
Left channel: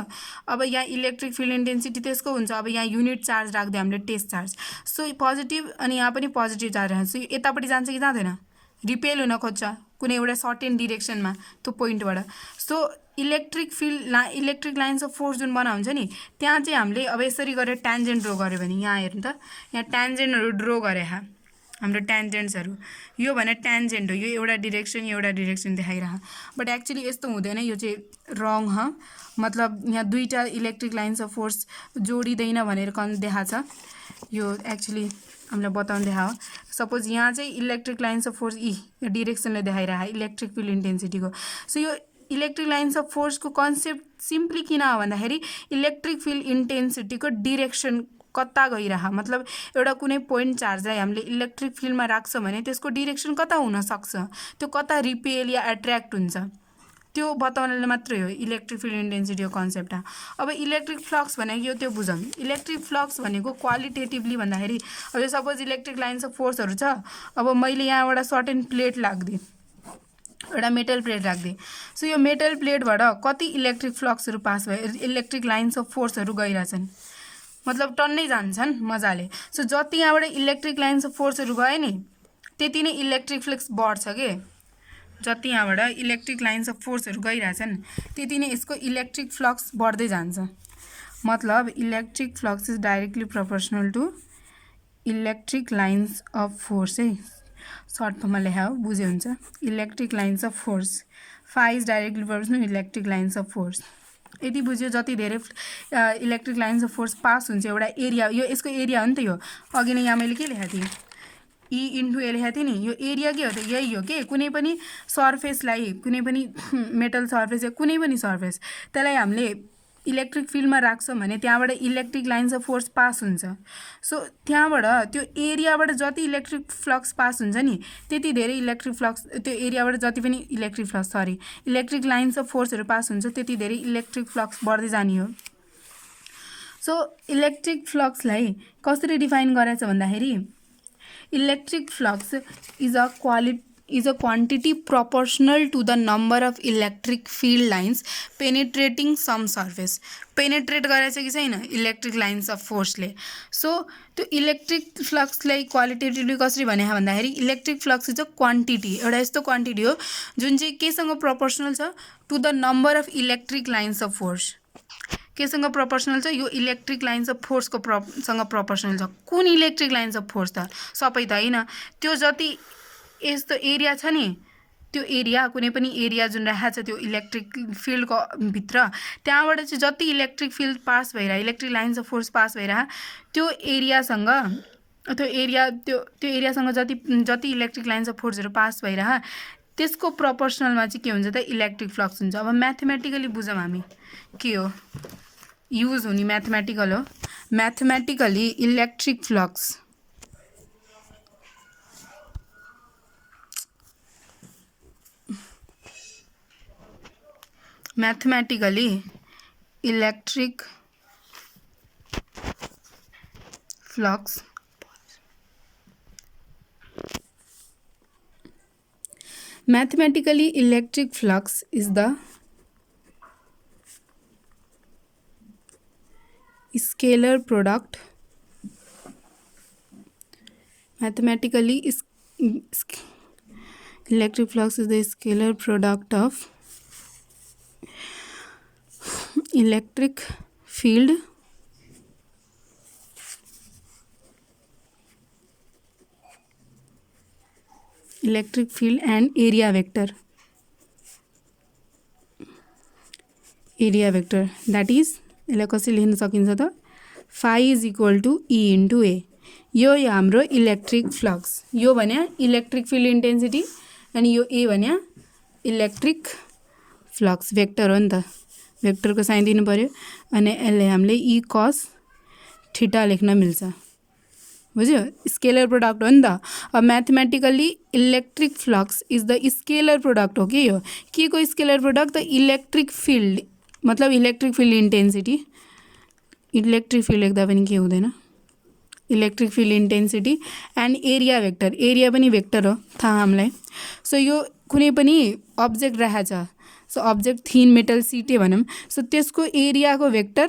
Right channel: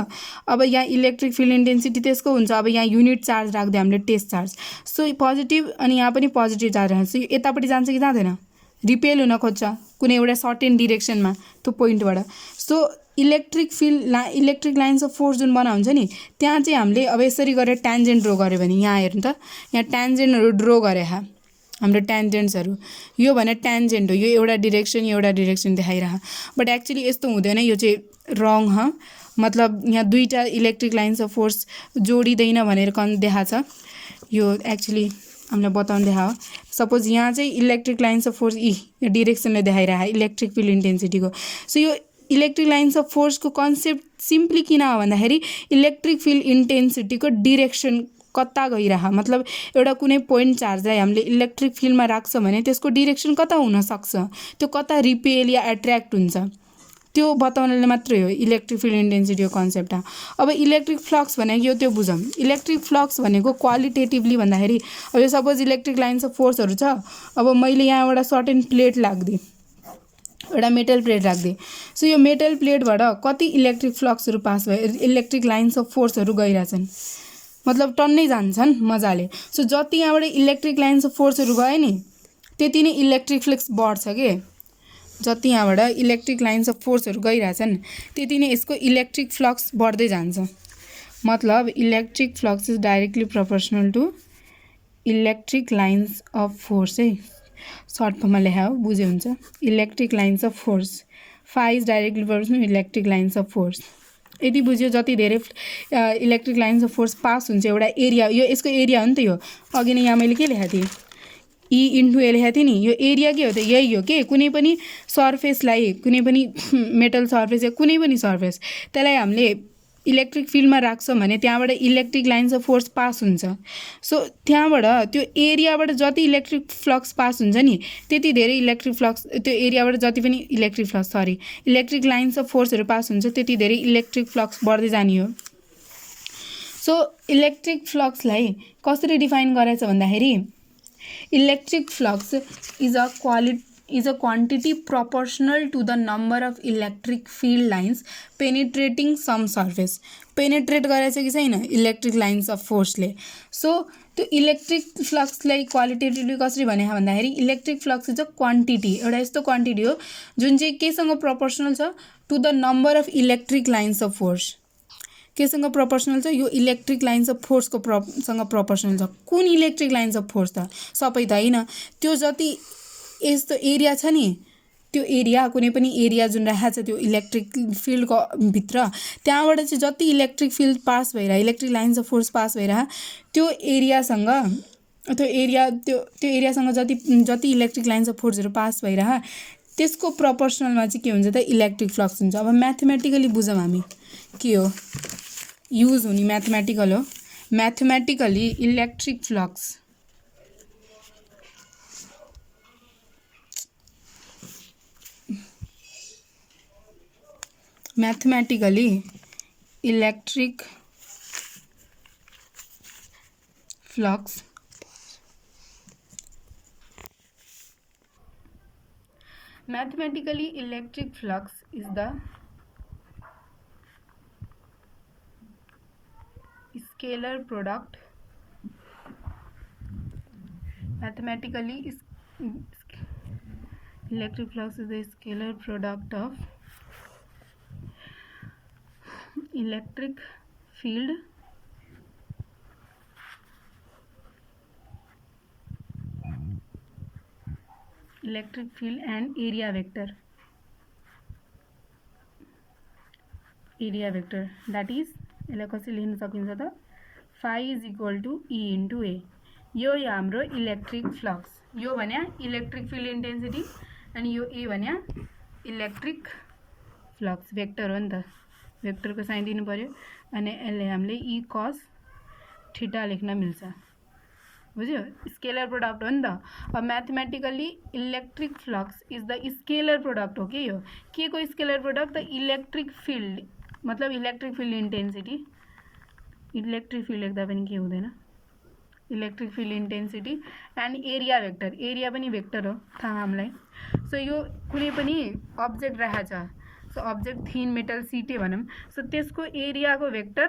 अब यहाँ इलेक्ट्रिक फिल्ड इन्टेन्सिटी त्यसको हुन्छ। अब यहाँ युनिट चार्ज राख्दै हामीले टेस्ट चार्ज, सो पोजिटिभ, अनि यहाँ पनि पोजिटिभ चार्ज राख्छ। यतापट्टि जान्छ कि जाँदैन, रिपेल हुन खोज्छ कुनै एउटा सर्टेन डिरेक्सनमा त्यो पोइन्टबाट। So electric lines of force जुन बनाउँछ नि, त्यहाँ चाहिँ हामीले अब यसरी गरेर ट्यान्जेन्ट ड्रो गऱ्यो भने, यहाँ हेर्नु त, यहाँ ट्यान्जेन्टहरू ड्रो गरे हाम्रो ट्यान्जेन्ट्सहरू। यो भने ट्यान्जेन्ट हो, यो एउटा डिरेक्सन देखाइरह। बट एक्चुअली यस्तो हुँदैन, यो चाहिँ रङ ह। मतलब यहाँ दुईवटा इलेक्ट्रिक लाइन्स अफ फोर्स जोडिँदैन भनेर देखाएको छ। यो एक्चुअली हामीलाई बताउनु देखायो। सपोज यहाँ चाहिँ इलेक्ट्रिक लाइन्स अफ फोर्स डिरेक्सनले देखाइरह इलेक्ट्रिक फिल्ड इन्टेन्सिटीको। सो यो इलेक्ट्रिक लाइन्स अफ फोर्सको कन्सेप्ट सिम्पली किन हो भन्दाखेरि इलेक्ट्रिक फिल्ड इन्टेन्सिटीको डिरेक्सन कता गइरह। मतलब एउटा कुनै पोइन्ट चार्जलाई हामीले इलेक्ट्रिक फिल्डमा राख्छ भने त्यसको डिरेक्सन कता हुनसक्छ, त्यो कता रिपेल या एट्र्याक्ट हुन्छ, त्यो बताउनले मात्रै हो इलेक्ट्रिक फिल्ड इन्टेन्सिटीको कन्सेप्ट। अब इलेक्ट्रिक फ्लक्स भनेको यो त्यो बुझौँ। इलेक्ट्रिक फ्लक्स भनेको क्वालिटेटिभली भन्दाखेरि अब यो सपोज इलेक्ट्रिक लाइन्स अफ फोर्सहरू छ। अब मैले यहाँ एउटा सर्टेन प्लेट राख्दिएँ, एउटा मेटल प्लेट राख्दिएँ। सो यो मेटल प्लेटबाट कति इलेक्ट्रिक फ्लक्सहरू पास भयो, इलेक्ट्रिक लाइन्स अफ फोर्सहरू गइरहेछन्, मतलब टन्नै जान्छन् मजाले। सो जति यहाँबाट इलेक्ट्रिक लाइन्स अफ फोर्सहरू गयो नि त्यति नै इलेक्ट्रिक फ्लक्स बढ्छ के। जति यहाँबाट इलेक्ट्रिक लाइन्स अफ फोर्सहरू गइरहेछन् त्यति नै यसको इलेक्ट्रिक फ्लक्स बढ्दै जान्छ। मतलब electric flux is directly proportional to electric lines of force है। सर्ट फर्ममा लेखा बुझे हुन्छ। Electric lines of force, phi is directly proportional electric lines of force. यदि बुझ्यो जति धेरै electric lines of force pass हुन्छ एउटा एरिया, यो यसको एरिया हो नि त। यो अघि नै यहाँ मैले के लेखेको थिएँ, ई इन्टु ए लेखेको थिएँ नि, यो एरिया के हो त यही हो के, कुनै पनि सर्फेसलाई, कुनै पनि मेटल सर्फेस या कुनै पनि सर्फेस त्यसलाई हामीले इलेक्ट्रिक फिल्डमा राख्छौँ भने त्यहाँबाट electric lines of force pass हुन्छ। सो त्यहाँबाट त्यो एरियाबाट जति इलेक्ट्रिक फ्लक्स पास हुन्छ नि त्यति धेरै इलेक्ट्रिक फ्लक्स, त्यो एरियाबाट जति पनि इलेक्ट्रिक लाइन्स अफ फोर्सहरू पास हुन्छ त्यति धेरै इलेक्ट्रिक फ्लक्स बढ्दै जाने हो। सो इलेक्ट्रिक फ्लक्सलाई कसरी डिफाइन गरेछ भन्दाखेरि electric flux is a quantity proportional to the number of electric field lines penetrating some surface। Penetrate गरेछ कि छैन इलेक्ट्रिक लाइन्स अफ फोर्सले। सो त्यो इलेक्ट्रिक फ्लक्सलाई क्वालिटेटिभली कसरी भने भन्दाखेरि electric flux is a quantity, एउटा यस्तो क्वान्टिटी हो जुन चाहिँ केसँग प्रोपोर्सनल छ, to the number of electric lines of force. केसँग प्रोपोर्सनल छ, यो इलेक्ट्रिक लाइन्स अफ फोर्सको सँग प्रोपोर्सनल छ। कुन इलेक्ट्रिक लाइन्स अफ फोर्स त सबै त होइन, त्यो जति यस्तो एरिया छ नि, त्यो एरिया कुनै पनि एरिया जुन राखेको छ त्यो इलेक्ट्रिक फिल्डको भित्र, त्यहाँबाट चाहिँ जति इलेक्ट्रिक फिल्ड पास भएर electric lines of force pass भएर त्यो एरियासँग जति इलेक्ट्रिक लाइन्स अफ फोर्सहरू पास भएर त्यसको प्रोपोर्सनलमा चाहिँ के हुन्छ त इलेक्ट्रिक फ्लक्स हुन्छ। अब म्याथमेटिकली बुझौँ हामी के हो युज हुने, म्याथमेटिकल हो। Mathematically electric flux electric flux is the scalar product electric flux is the scalar product of electric field and area vector that is यसलाई कसरी लेख्न सकिन्छ त phi is equal to E into A। यो हाम्रो electric flux, यो भन्या electric field intensity अनि यो ए भन्या इलेक्ट्रिक फ्लक्स भेक्टर हो नि त, भेक्टरको साइन दिनु पर्यो अनि यसले हामीले ई कस थीटा लेख्न मिल्छ, बुझ्यो? स्केलर प्रोडक्ट हो नि त। अब mathematically electric flux is the scalar product हो कि यो के को स्केलर प्रोडक्ट त इलेक्ट्रिक फिल्ड, मतलब electric field intensity, electric field लेख्दा पनि के हुँदैन, electric field intensity and area vector, area पनि भेक्टर हो थाहा हामीलाई। सो यो कुनै पनि अब्जेक्ट राखेको छ, so object thin metal setae भनौँ, सो त्यसको एरियाको भेक्टर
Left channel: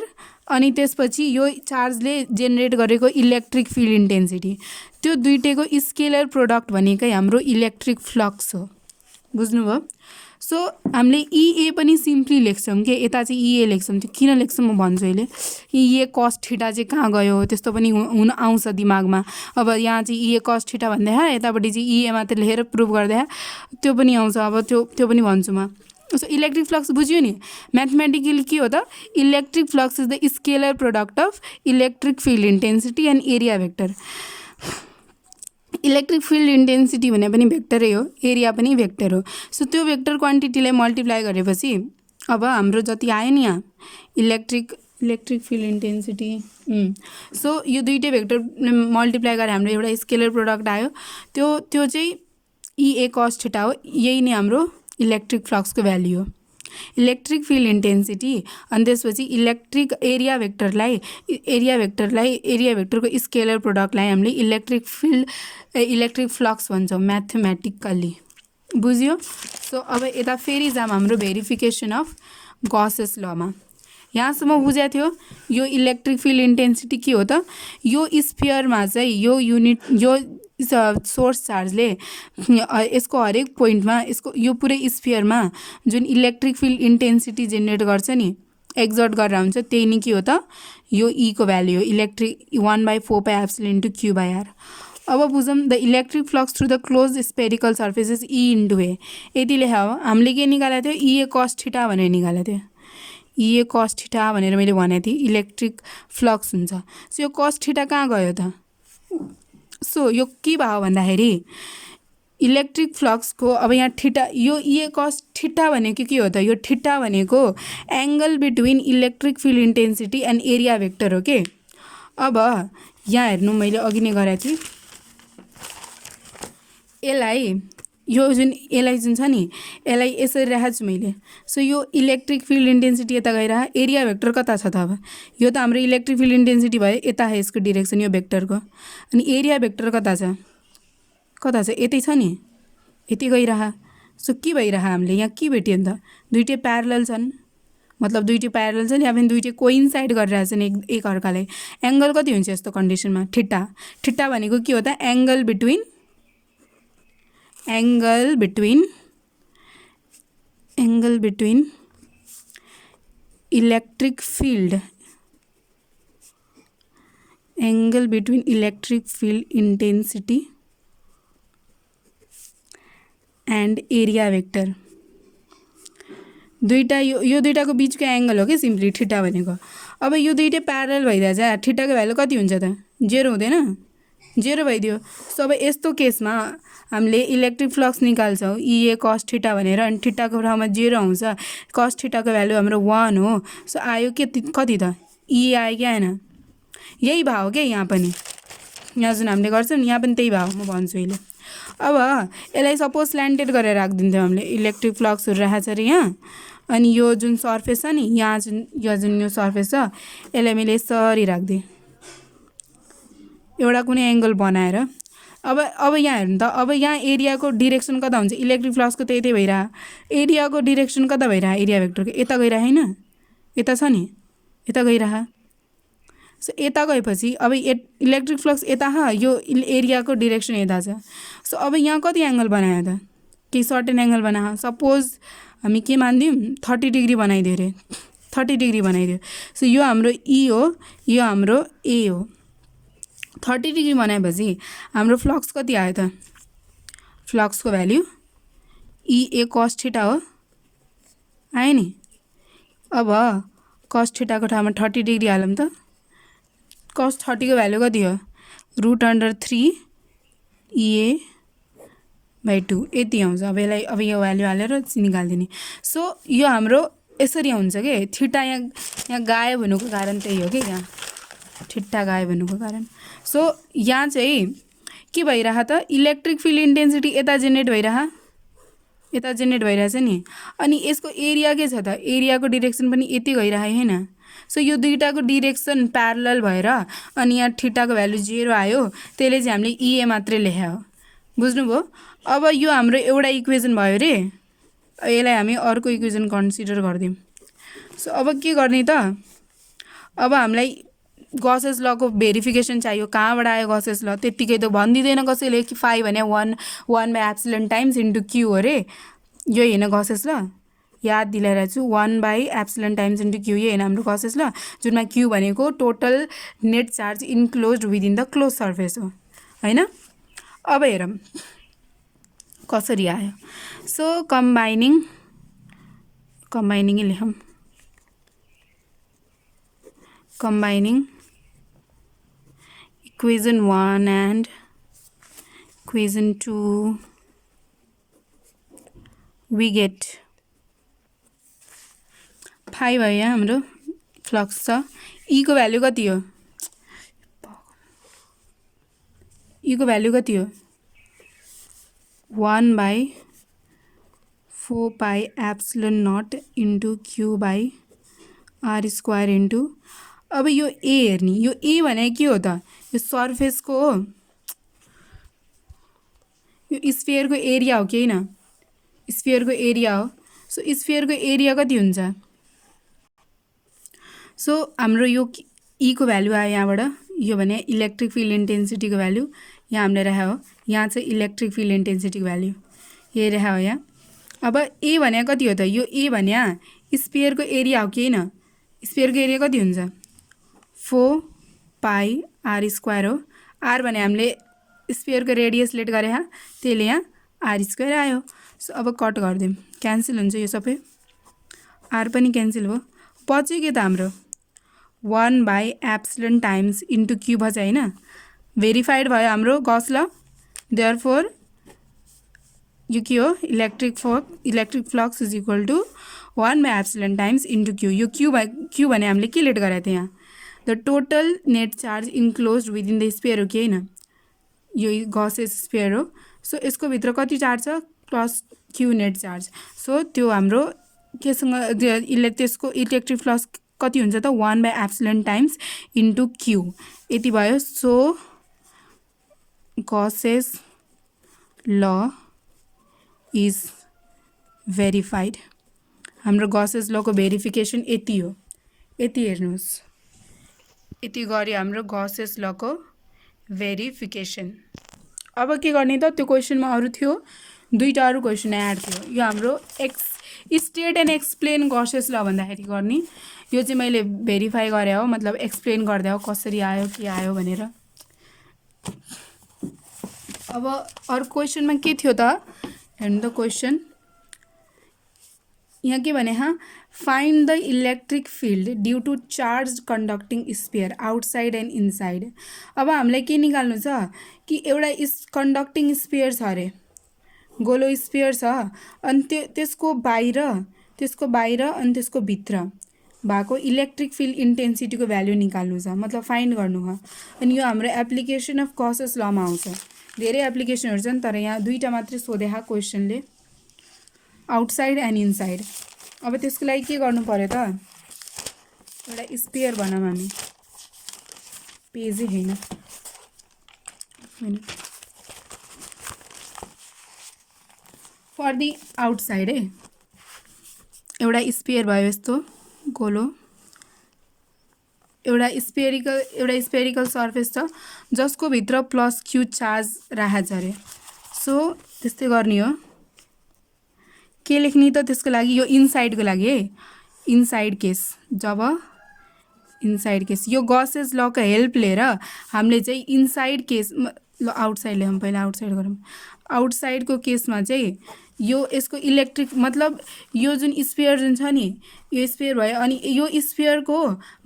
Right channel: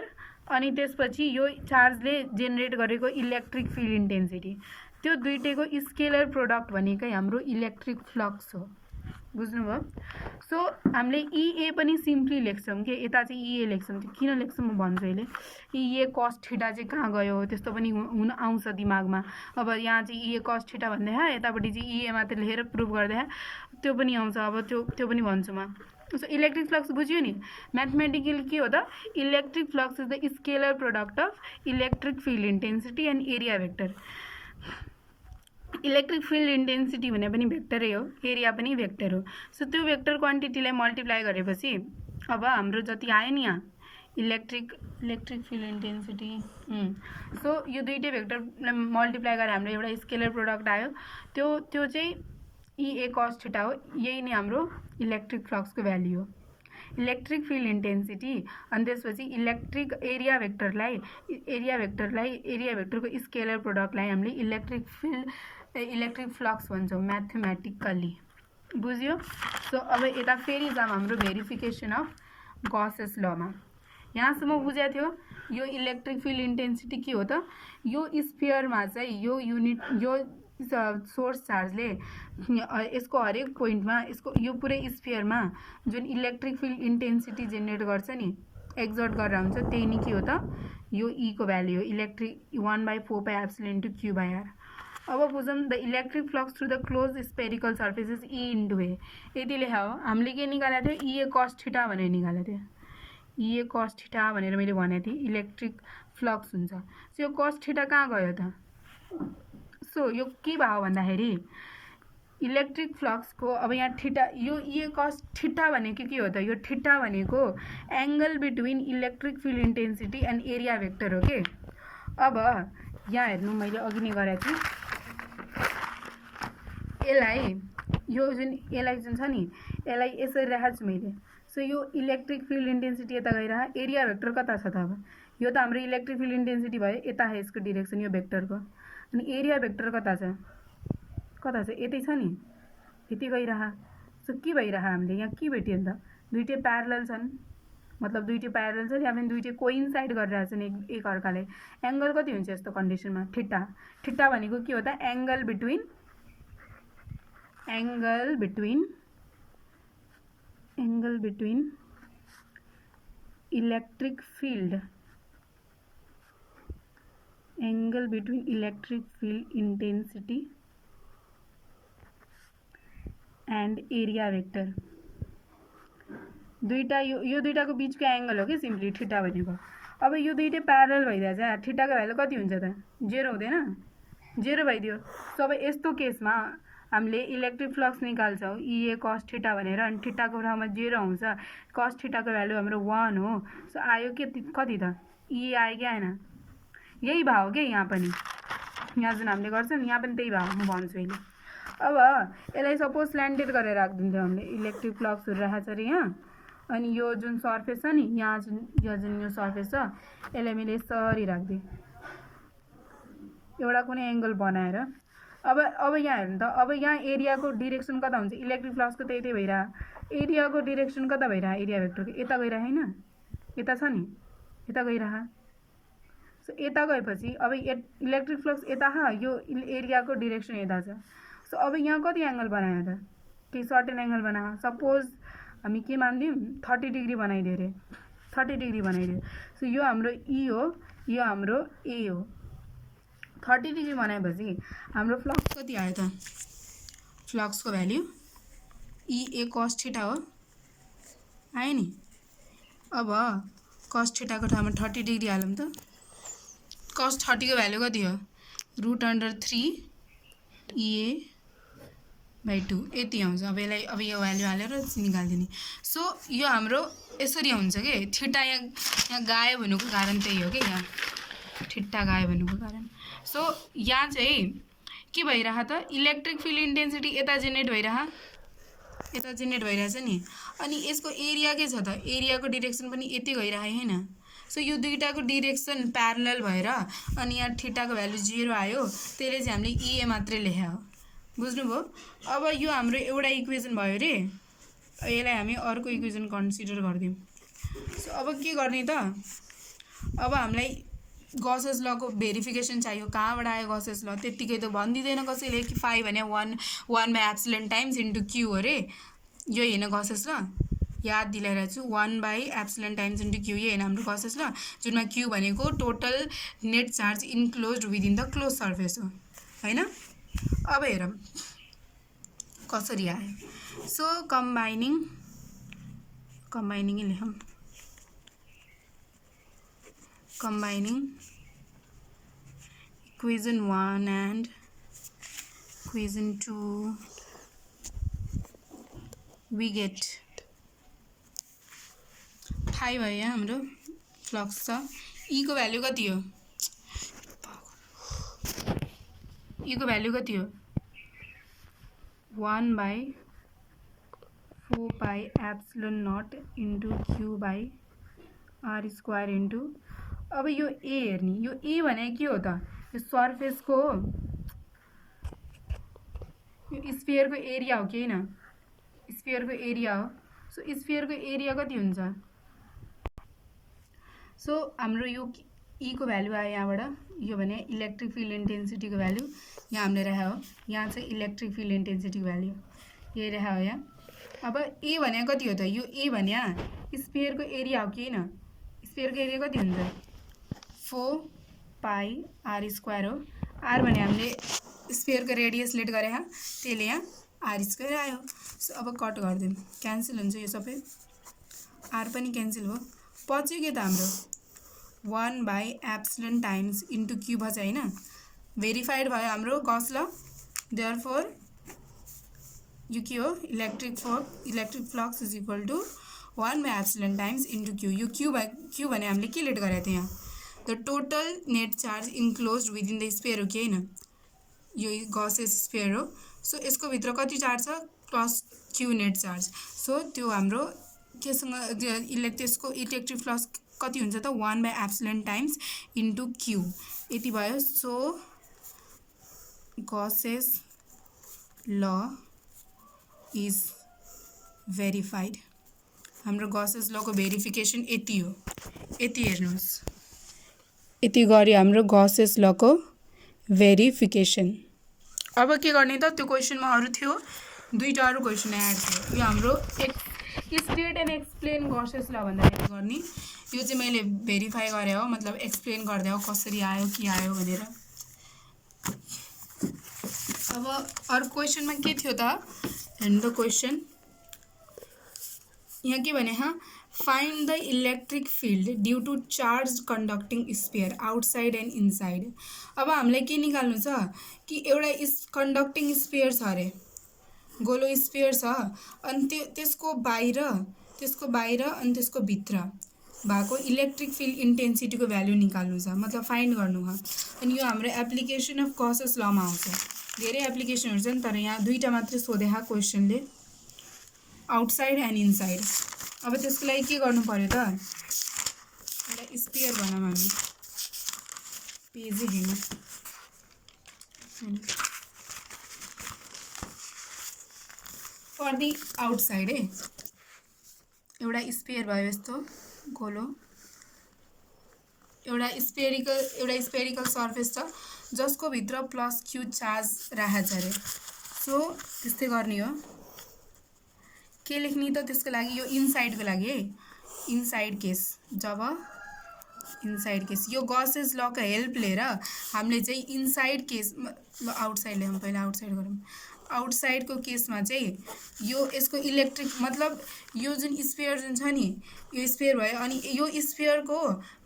अनि त्यसपछि यो चार्जले जेनेरेट गरेको इलेक्ट्रिक फिल्ड इन्टेन्सिटी, त्यो दुईटैको स्केलर प्रोडक्ट भनेकै हाम्रो इलेक्ट्रिक फ्लक्स हो, बुझ्नुभयो? सो हामीले इए पनि सिम्पली लेख्छौँ के, यता चाहिँ इए लेख्छौँ, त्यो किन लेख्छौँ म भन्छु अहिले। इए कस थीटा चाहिँ कहाँ गयो त्यस्तो पनि हुन आउँछ दिमागमा। अब यहाँ चाहिँ इए कस थीटा भन्दा यतापट्टि चाहिँ इए मात्र लेखेर प्रुभ गर्दा त्यो पनि आउँछ, अब त्यो पनि भन्छु म। सो इलेक्ट्रिक फ्लक्स बुझ्यो नि, म्याथमेटिकली के हो त electric flux is the scalar product of electric field intensity and area vector. Electric field intensity भने पनि भेक्टरै हो, एरिया पनि भेक्टर हो। सो त्यो भेक्टर क्वान्टिटीलाई मल्टिप्लाई गरेपछि अब हाम्रो जति आयो नि यहाँ इलेक्ट्रिक फिल्ड इन्टेन्सिटी, सो यो दुईटै भेक्टर मल्टिप्लाई गरेर हाम्रो एउटा स्केलर प्रोडक्ट आयो, त्यो चाहिँ इए कस थीटा हो। यही नै हाम्रो इलेक्ट्रिक फ्लक्सको भ्याल्यु हो, इलेक्ट्रिक फिल्ड इन्टेन्सिटी अनि त्यसपछि एरिया भेक्टरको स्केलर प्रोडक्टलाई हामीले इलेक्ट्रिक फ्लक्स भन्छौँ म्याथमेटिकल्ली, बुझ्यो? सो अब यता फेरि जाम हाम्रो भेरिफिकेसन अफ गसेस लमा। यहाँसम्म बुझाएको थियो यो इलेक्ट्रिक फिल्ड इन्टेन्सिटी के हो त, यो स्फियरमा चाहिँ यो सोर्स चार्जले यसको हरेक पोइन्टमा यो पुरै स्फियरमा जुन इलेक्ट्रिक फिल्ड इन्टेन्सिटी जेनेरेट गर्छ नि, एक्जर्ट गरेर हुन्छ, त्यही नै के हो त यो ई को भ्याल्यु हो, इलेक्ट्रिक 1/4πε × Q/r। अब बुझौँ the electric flux through the close spherical surfaces E into A, यति लेखा हो। हामीले के निकालेको थियो इए कस थीटा भनेर निकालेको थियो, इए कस थीटा भनेर मैले भनेको थिएँ इलेक्ट्रिक फ्लक्स हुन्छ। सो यो कस थीटा कहाँ गयो त, सो यो के भयो भन्दाखेरि इलेक्ट्रिक फ्लक्सको अब यहाँ थीटा यो ए कस थीटा भनेको के हो त यो थीटा भनेको angle between electric field intensity and area vector हो के। अब यहाँ हेर्नु मैले अघि नै गरेको थिएँ यसलाई जुन छ नि यसलाई यसरी राखेको छु मैले। सो यो इलेक्ट्रिक फिल्ड इन्टेन्सिटी यता गइरह एरिया भेक्टर कता छ त अब यो त हाम्रो इलेक्ट्रिक फिल्ड इन्टेन्सिटी भयो यता है यसको डिरेक्सन यो भेक्टरको अनि एरिया भेक्टर कता छ यतै छ नि यति गइरह। सो के भइरह हामीले यहाँ के भेट्यो नि त दुईटै प्यारलल छन् मतलब दुईटै प्यारलल छन् या पनि दुईटै कोइन्साइड गरिरहेछन् एक अर्काले। एंगल कति हुन्छ यस्तो कन्डिसनमा थीटा थीटा भनेको के हो त angle between electric field intensity and area vector दुईटा यो दुईटाको बीचको एंगल हो कि सिम्पली थीटा भनेको। अब यो दुईटै प्यारलल भइरहेछ थीटाको भ्यालु कति हुन्छ त 0 हुँदैन 0 भइदियो। सो अब यस्तो केसमा हामीले इलेक्ट्रिक फ्लक्स निकाल्छौँ ए कस थीटा भनेर अनि थीटाको ठाउँमा 0 आउँछ कस थीटाको भ्यालु हाम्रो 1 हो। सो आयो कति त ए आयो कि आएन यही भाव के यहाँ पनि यहाँ जुन हामीले गर्छौँ नि यहाँ पनि त्यही भाव म भन्छु अहिले। अब यसलाई सपोज स्ल्यान्टेड गरेर राखिदिन्थ्यौँ हामीले इलेक्ट्रिक फ्लक्सहरू राखेको छ अरे यहाँ अनि यो जुन सर्फेस छ नि यहाँ जुन यो सर्फेस छ यसलाई मैले यसरी राखिदिएँ एउटा कुनै एंगल बनाएर। अब यहाँ हेर्नु त अब यहाँ एरियाको डिरेक्सन कता हुन्छ इलेक्ट्रिक फ्लक्सको त्यही भइरह एरियाको डिरेक्सन कता भइरह एरिया भेक्टरको यता गइरह हैन यता छ नि यता गइरह। सो यता गएपछि अब इलेक्ट्रिक फ्लक्स यता यो एरियाको डिरेक्सन यता छ। सो अब यहाँ कति एंगल बनायो त केही सर्टेन एंगल बना सपोज हामी के मानिदिउँ 30 डिग्री बनाइदियो अरे 30 डिग्री बनाइदियो। सो यो हाम्रो ई हो यो हाम्रो ए हो 30 डिग्री बनाएपछि हाम्रो फ्लक्स कति आयो त फ्लक्सको भ्याल्यु ई ए कस थीटा हो आयो नि। अब कस थीटाको ठाउँमा 30 डिग्री हालौँ त कस 30 को भ्यालु कति हो √3 EA/2 यति आउँछ। अब यसलाई अब यो भ्यालु हालेर निकाल्दिने। सो यो हाम्रो यसरी हुन्छ के थीटा यहाँ गायब हुनुको कारण त्यही हो कि यहाँ थीटा गायब हुनुको कारण। सो यहाँ चाहिँ के भइरह त इलेक्ट्रिक फिल्ड इन्टेन्सिटी यता जेनेरेट भइरहेछ नि अनि यसको एरिया के छ त एरियाको डिरेक्सन पनि यति गइरह हैन। सो यो दुईटाको डिरेक्सन प्यारलल भएर अनि यहाँ थीटाको भ्यालु 0 आयो त्यसले चाहिँ हामीले EA मात्रै लेख्या हो बुझ्नुभयो। अब यो हाम्रो एउटा इक्वेसन भयो रे यसलाई हामी अर्को इक्वेसन कन्सिडर गर्दियौँ। सो अब के गर्ने त अब हामीलाई गसेस लको भेरिफिकेसन चाहियो कहाँबाट आयो गसेस ल त्यतिकै त भन्दिदैन कसैले कि 5 भने 1/एप्सिलन टाइम्स इन्टु क्यू अरे यो हैन गसेस ल याद दिलाइरहेको छु 1/एप्सिलन टाइम्स इन्टु क्यू यो हैन हाम्रो गसेस ल जुनमा क्यू भनेको total net charge enclosed within the close surface हो हैन। अब हेरौँ कसरी आयो। सो कम्बाइनिङ लेखौँ combining equation 1 and equation 2 we get 5 भयो यहाँ हाम्रो फ्लक्स छ ई को भ्यालु कति हो ई को भ्यालु कति हो 1/4 epsilon not into Q/r² into अब यो ए हेर्ने यो ए भने के हो त यो सर्फेसको हो यो स्फियरको एरिया हो कि हैन स्फियरको एरिया हो। सो स्फियरको एरिया कति हुन्छ सो हाम्रो यो ई को भ्यालु आयो यहाँबाट यो भने इलेक्ट्रिक फिल्ड इन्टेन्सिटीको भ्यालु यहाँ हामीले राख्या हो यहाँ चाहिँ इलेक्ट्रिक फिल्ड इन्टेन्सिटीको भ्यालु यही राख्या हो यहाँ। अब ए भने कति हो त यो ए भने स्फियरको एरिया हो कि हैन स्फियरको एरिया कति हुन्छ 4πr² हो आर भने हामीले स्फियरको रेडियस लेट गरे त्यसले यहाँ r² आयो। सो अब कट गरिदिउँ क्यान्सल हुन्छ यो सबै आर पनि क्यान्सल भयो पछि के त हाम्रो 1/एप्सिलन टाइम्स इन्टु क्यू भन्छ हैन भेरिफाइड भयो हाम्रो गस ल। देयरफोर यो के हो, electric flux is equal to 1/ε times into Q. यो क्यू भने हामीले के लेट गरेको थियो यहाँ, the total net charge enclose within the sphere हो कि होइन, यो गसेस स्पेयर हो। सो यसको भित्र कति चार्ज छ, plus Q net charge. So त्यो हाम्रो केसँग त्यसको इलेक्ट्रिक फ्लक्स कति हुन्छ त 1/ε टाइम्स इन्टु क्यू, यति भयो। सो गसेस ल इज भेरिफाइड। हाम्रो गसेस लको भेरिफिकेसन यति हो, यति हेर्नुहोस्, यति गऱ्यो हाम्रो गसेस लको भेरिफिकेसन। अब के गर्ने त, त्यो क्वेसनमा अरू थियो, दुईवटा अरू क्वेसन एड थियो। यो हाम्रो स्टेट एन्ड एक्सप्लेन गसेस ल भन्दाखेरि गर्ने, यो चाहिँ मैले भेरिफाई गरे हो, मतलब एक्सप्लेन गर्दै हो कसरी आयो के आयो भनेर। अब अरू क्वेसनमा के थियो त, हेर्नु त क्वेसन यहाँ के भने, find the electric field due to charge conducting sphere outside and inside. अब हामीलाई के निकाल्नु छ कि एउटा कन्डक्टिङ स्पेयर छ अरे, गोलो स्पेयर छ, अनि त्यसको बाहिर अनि त्यसको भित्र भएको इलेक्ट्रिक फिल्ड इन्टेन्सिटीको भ्यालु निकाल्नु छ, मतलब फाइन्ड गर्नु हो। अनि यो हाम्रो एप्लिकेसन अफ गसेस लमा आउँछ। धेरै एप्लिकेसनहरू छन्, तर यहाँ दुईवटा मात्रै सोधेको क्वेसनले, आउटसाइड एन्ड इनसाइड। अब त्यसको लागि के गर्नु पर्यो त, एउटा स्पेयर भनौँ हामी, पेजै होइन, फर दि आउटसाइड है, एउटा स्पेयर भयो यस्तो गोलो, एउटा स्पेरिकल सर्फेस छ जसको भित्र प्लस क्यू चार्ज राखेको छ अरे। सो त्यस्तै गर्ने हो, के लेख्ने त त्यसको लागि, यो इनसाइडको लागि है, इनसाइड केस, जब इनसाइड केस यो गसेस लको हेल्प लिएर हामीले चाहिँ इनसाइड केस ल, आउटसाइड ल्याउँ पहिला, आउटसाइड गरौँ। आउटसाइडको केसमा चाहिँ यो यसको इलेक्ट्रिक मतलब यो जुन स्पेयर जुन छ नि, यो स्पेयर भयो, अनि यो स्पेयरको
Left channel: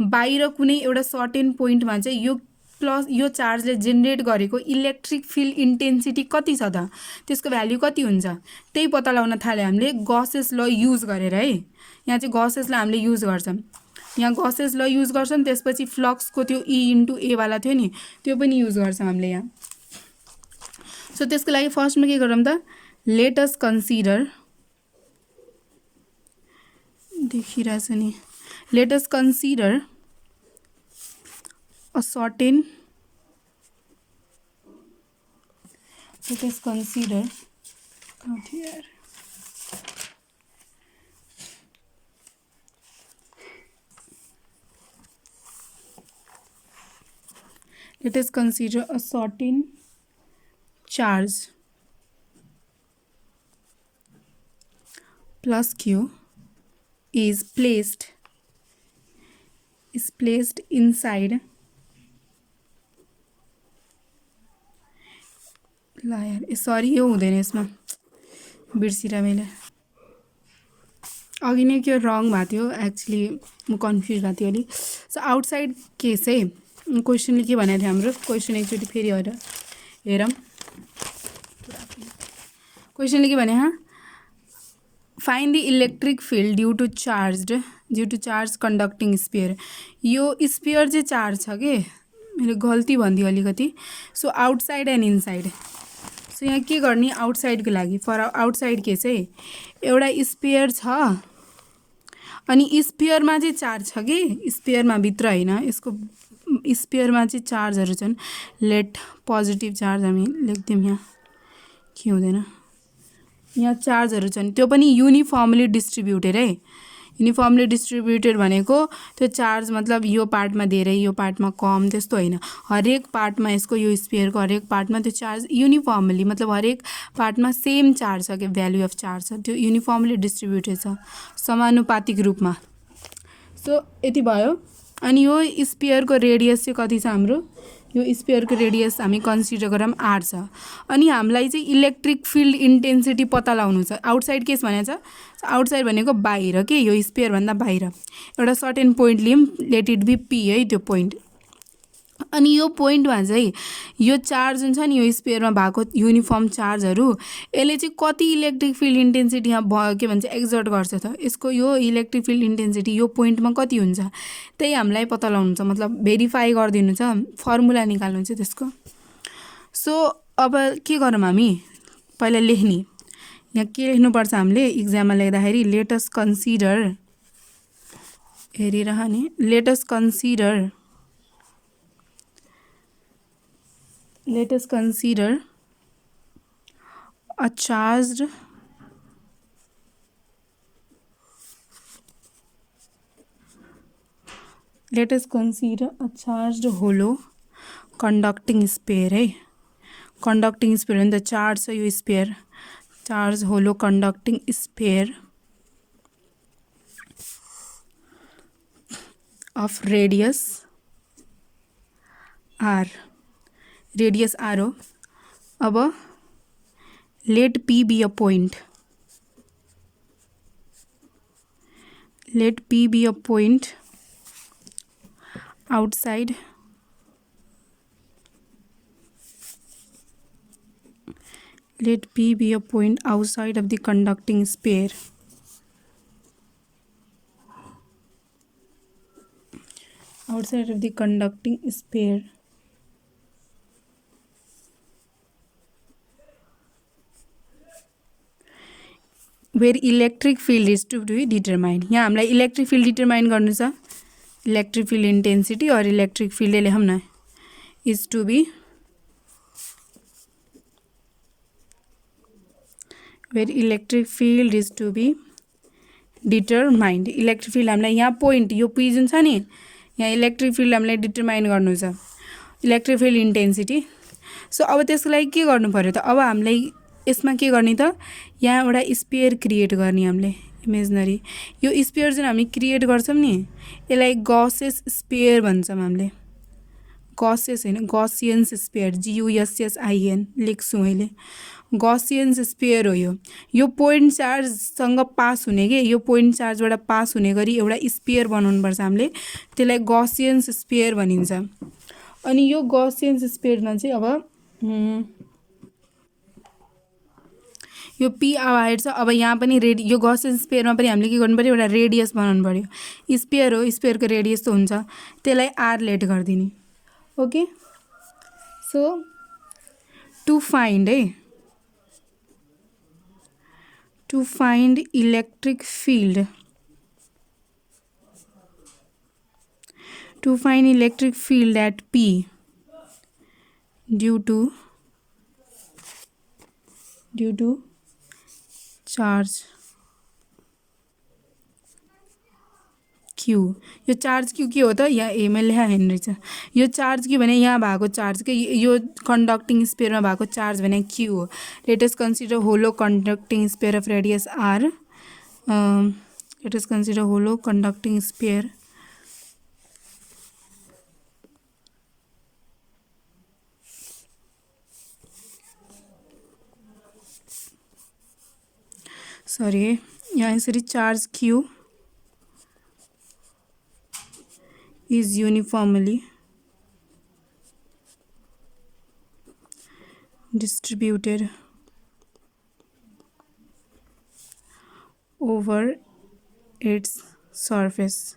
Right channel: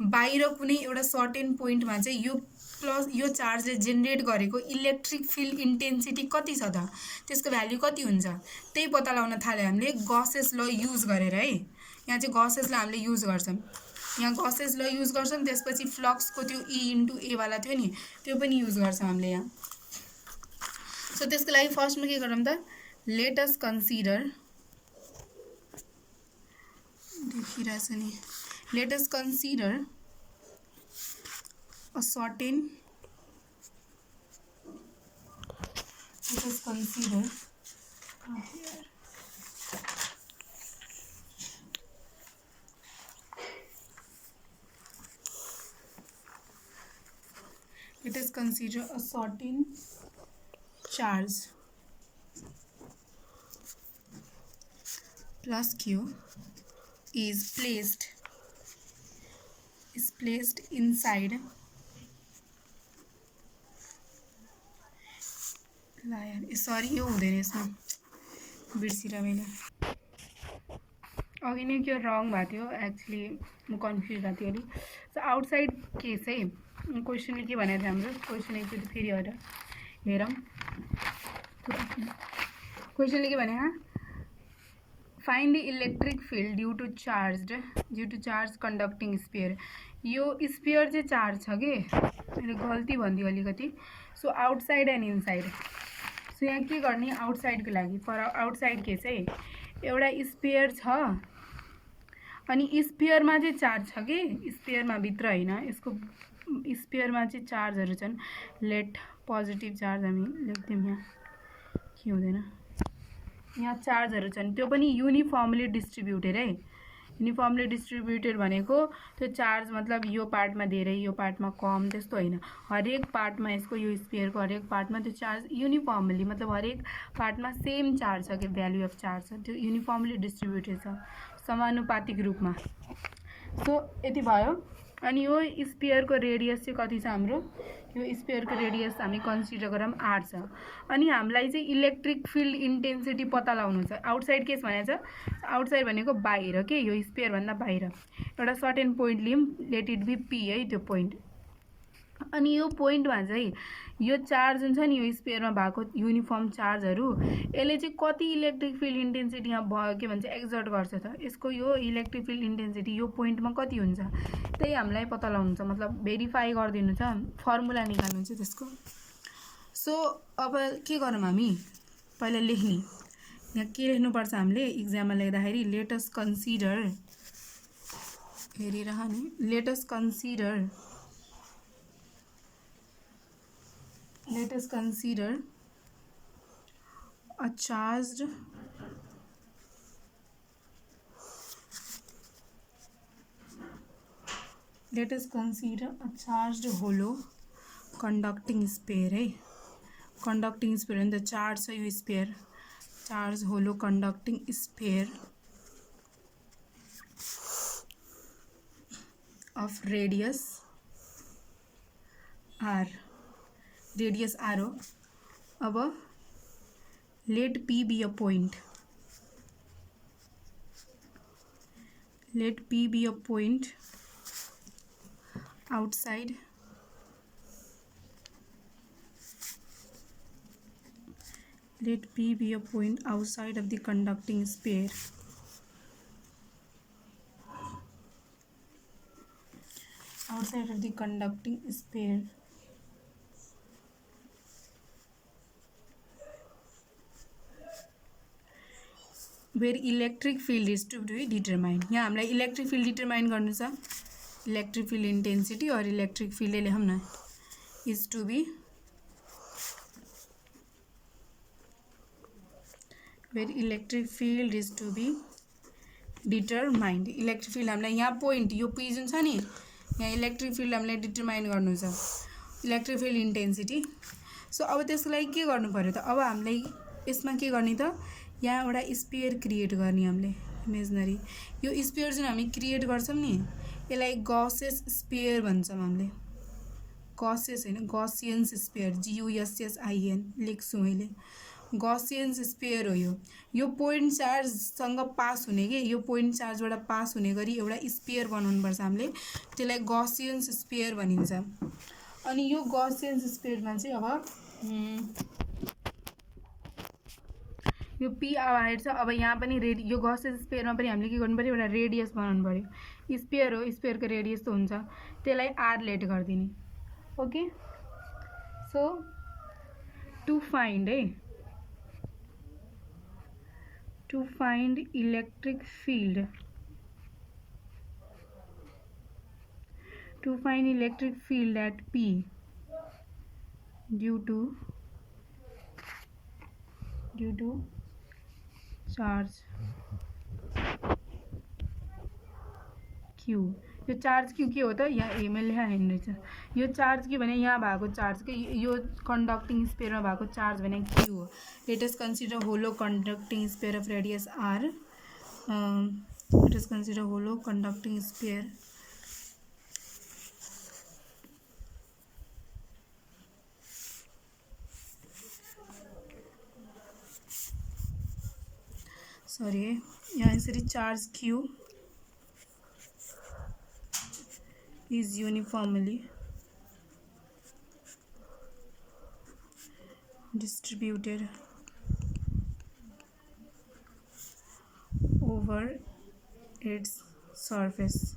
बाहिर कुनै एउटा सर्टेन पोइन्टमा चाहिँ यो प्लस यो चार्जले जेनेरेट गरेको इलेक्ट्रिक फिल्ड इन्टेन्सिटी कति छ त, त्यसको भ्याल्यु कति हुन्छ, त्यही पत्ता लगाउन थाल्यो हामीले गसेस ल युज गरेर है। यहाँ चाहिँ गसेसलाई हामीले युज गर्छौँ, यहाँ गसेस ल युज गर्छौँ, त्यसपछि फ्लक्सको त्यो ई इन्टु ए वाला थियो नि, त्यो पनि युज गर्छौँ हामीले यहाँ। सो त्यसको लागि फर्स्टमा के गरौँ त, लेट अस कन्सिडर, देखिरहेछ नि, late us consider a certain, let us consider, not here, let us consider a certain charge plus q is placed inside, ल यार सरी यो हुँदैन, यसमा बिर्सिरा मैले, अघि नै के रङ भएको थियो, एक्चुअली म कन्फ्युज भएको थियो अलिक। सो आउटसाइड केस है, क्वेसनले के भनेको थियो हाम्रो, क्वेसन एकचोटि फेरि हेरौँ। क्वेसनले के भने, find the electric field due to charge conducting sphere. यो स्पेयर चाहिँ चार्ज छ कि, मैले गल्ती भनिदिएँ अलिकति। So outside and inside, so यहाँ के गर्ने, आउटसाइडको लागि फर आउटसाइड के चाहिँ एउटा स्पेयर छ, अनि स्पेयरमा चाहिँ चार्ज छ कि, स्पेयरमा भित्र होइन, यसको स्पेयरमा चाहिँ चार्जहरू छन्। लेट पोजिटिभ चार्ज हामी लेख्दियौँ, यहाँ के हुँदैन, यहाँ चार्जहरू छन्, त्यो पनि युनिफर्मली डिस्ट्रिब्युटेड है। युनिफर्मली डिस्ट्रिब्युटेड भनेको त्यो चार्ज मतलब यो पार्टमा धेरै यो पार्टमा कम त्यस्तो होइन, हरेक पार्टमा यसको यो स्पेयरको हरेक पार्टमा त्यो चार्ज युनिफर्मली मतलब हरेक पार्टमा सेम चार्ज छ कि भ्यालु अफ चार्ज छ, त्यो युनिफर्मली डिस्ट्रिब्युटेड छ समानुपातिक रूपमा। सो यति भयो। अनि यो स्पेयरको रेडियस चाहिँ कति छ हाम्रो, यो स्पेयरको रेडियस हामी कन्सिडर गरौँ r छ। अनि हामीलाई चाहिँ इलेक्ट्रिक फिल्ड इन्टेन्सिटी पत्ता लगाउनु छ। आउटसाइड केस भनेको छ, आउटसाइड भनेको बाहिर के, यो स्पेयरभन्दा बाहिर एउटा सर्टेन पोइन्ट लियौँ, लेट इट बी p है त्यो पोइन्ट। अनि यो पोइन्टमा चाहिँ यो चार्ज जुन छ नि यो स्पेयरमा भएको युनिफर्म चार्जहरू यसले चाहिँ कति इलेक्ट्रिक फिल्ड इन्टेन्सिटी यहाँ के भन्छ एक्जर्ट गर्छ त यसको यो इलेक्ट्रिक फिल्ड इन्टेन्सिटी यो पोइन्टमा कति हुन्छ त्यही हामीलाई पत्ता लगाउनु छ मतलब भेरिफाई गरिदिनु छ फर्मुला निकाल्नु छ त्यसको। सो अब के गरौँ हामी पहिला लेख्ने यहाँ के लेख्नुपर्छ हामीले इक्जाममा लेख्दाखेरि लेटस कन्सिडर हेरिरहने let's consider let us consider a charged hollow conducting sphere है conducting sphere and the charge छ यो sphere charged hollow conducting sphere of radius r radius R हो। अब let P be a point outside let P be a point outside of the conducting sphere where electric field is to be determined। यहाँ हामीलाई electric field determine गर्नु छ electric field intensity और electric field लेखौँ न is to be where electric field is to be determined। Electric field हामीलाई यहाँ point यो पी जुन छ नि यहाँ इलेक्ट्रिक फिल्ड हामीलाई डिटरमाइन गर्नु छ इलेक्ट्रिक फिल्ड इन्टेन्सिटी। सो अब त्यसको लागि के गर्नु पर्यो त अब हामीलाई यसमा के गर्ने त यहाँ एउटा स्पेयर क्रिएट गर्ने हामीले इमेजनरी यो स्पेयर जुन हामी क्रिएट गर्छौँ नि यसलाई गसेस स्पेयर भन्छौँ हामीले गसेस होइन गसियन्स स्पेयर GUSSIN लेख्छु मैले गसियन्स स्पेयर हो यो पोइन्ट चार्जसँग पास हुने के यो पोइन्ट चार्जबाट पास हुने गरी एउटा स्पेयर बनाउनुपर्छ हामीले त्यसलाई गसियन्स स्पेयर भनिन्छ। अनि यो गसियन्स स्पेयरमा चाहिँ अब यो पी आएर छ अब यहाँ पनि यो गसियन स्पेयरमा पनि हामीले के गर्नु पर्यो एउटा रेडियस बनाउनु पर्यो स्पेयर हो स्पेयरको रेडियस त हुन्छ त्यसलाई आर लेट गरिदिने okay. So to find electric field at P due to charge Q यो चार्ज क्यू के हो त यहाँ एमा लेखा हेर्नु रहेछ यो चार्ज के भने यहाँ भएको चार्ज के यो कन्डक्टिङ स्पेयरमा भएको चार्ज भने क्यू हो। Let us consider hollow conducting sphere of radius R let us consider hollow conducting sphere sorry यहाँ यसरी charge Q is uniformly distributed over its surface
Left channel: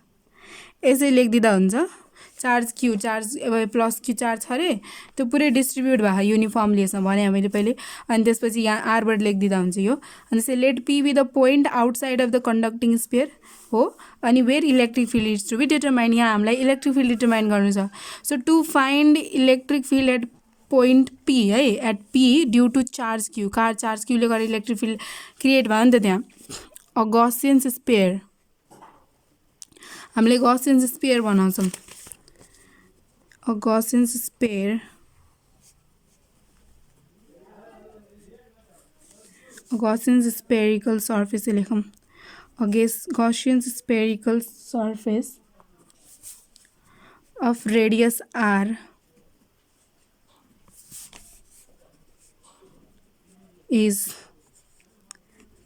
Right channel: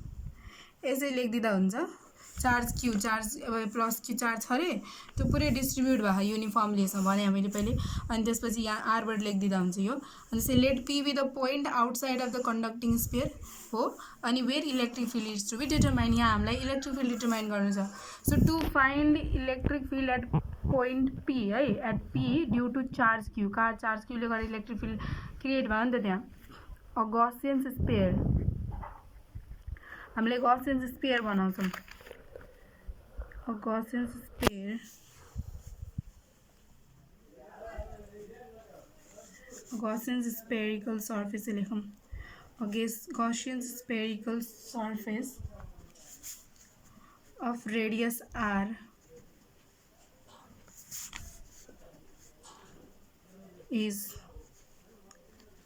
यसै लेखिदिँदा हुन्छ charge Q charge plus Q charge छ अरे त्यो पुरै डिस्ट्रिब्युट भएको युनिफर्मली यसमा भने मैले पहिले अनि त्यसपछि यहाँ आरबाट लेखिदिँदा हुन्छ यो अनि त्यसै let P be the point outside of the conducting sphere हो अनि where electric field is to be determine यहाँ हामीलाई इलेक्ट्रिक फिल्ड डिटरमाइन गर्नु छ। So to find electric field at point P है at P due to charge Q charge क्यूले गर्दा electric field create भयो नि त त्यहाँ अ गसियन्स स्पेयर हामीले गसियन्स स्पेयर बनाउँछौँ a Gaussian spherical surface लेखौँ Gaussian spherical surface of radius r is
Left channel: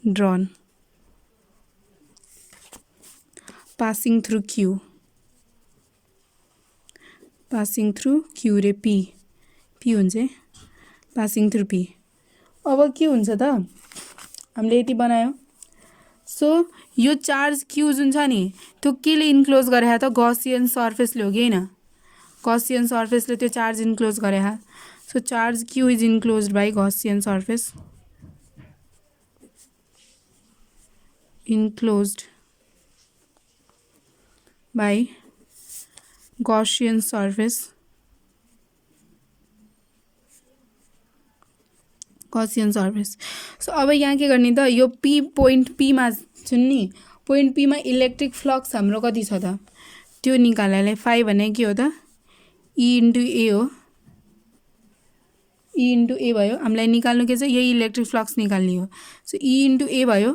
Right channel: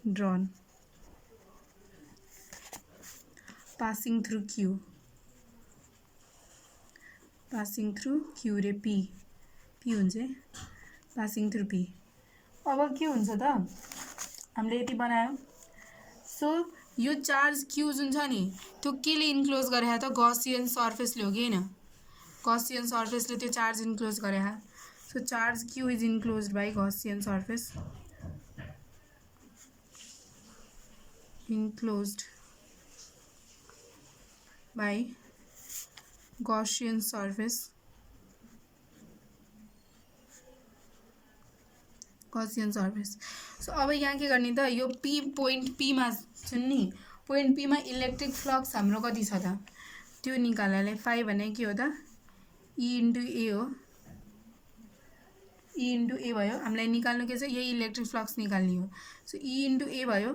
drawn passing through Q passing through Q रे पी पी हुन्छ है पासिङ थ्रु पी। अब के हुन्छ त हामीले यति बनायो। सो यो चार्ज क्यु जुन छ नि त्यो केले इन्क्लोज गरे त गसियन सर्फेसले हो कि हैन गसियन सर्फेसले त्यो चार्ज इन्क्लोज गरे। So charge Q is enclosed by Gaussian surface enclosed by Gaussian surface so अब यहाँ के गर्ने त यो पी पोइन्ट पीमा जुन नि पोइन्ट पीमा इलेक्ट्रिक फ्लक्स हाम्रो कति छ त त्यो निकाल्नलाई फाइ भने के हो त ई इन्टु ए हो ई इन्टु ए भयो। हामीलाई निकाल्नु के छ यही इलेक्ट्रिक फ्लक्स निकाल्ने हो। सो ई इन्टु ए भयो।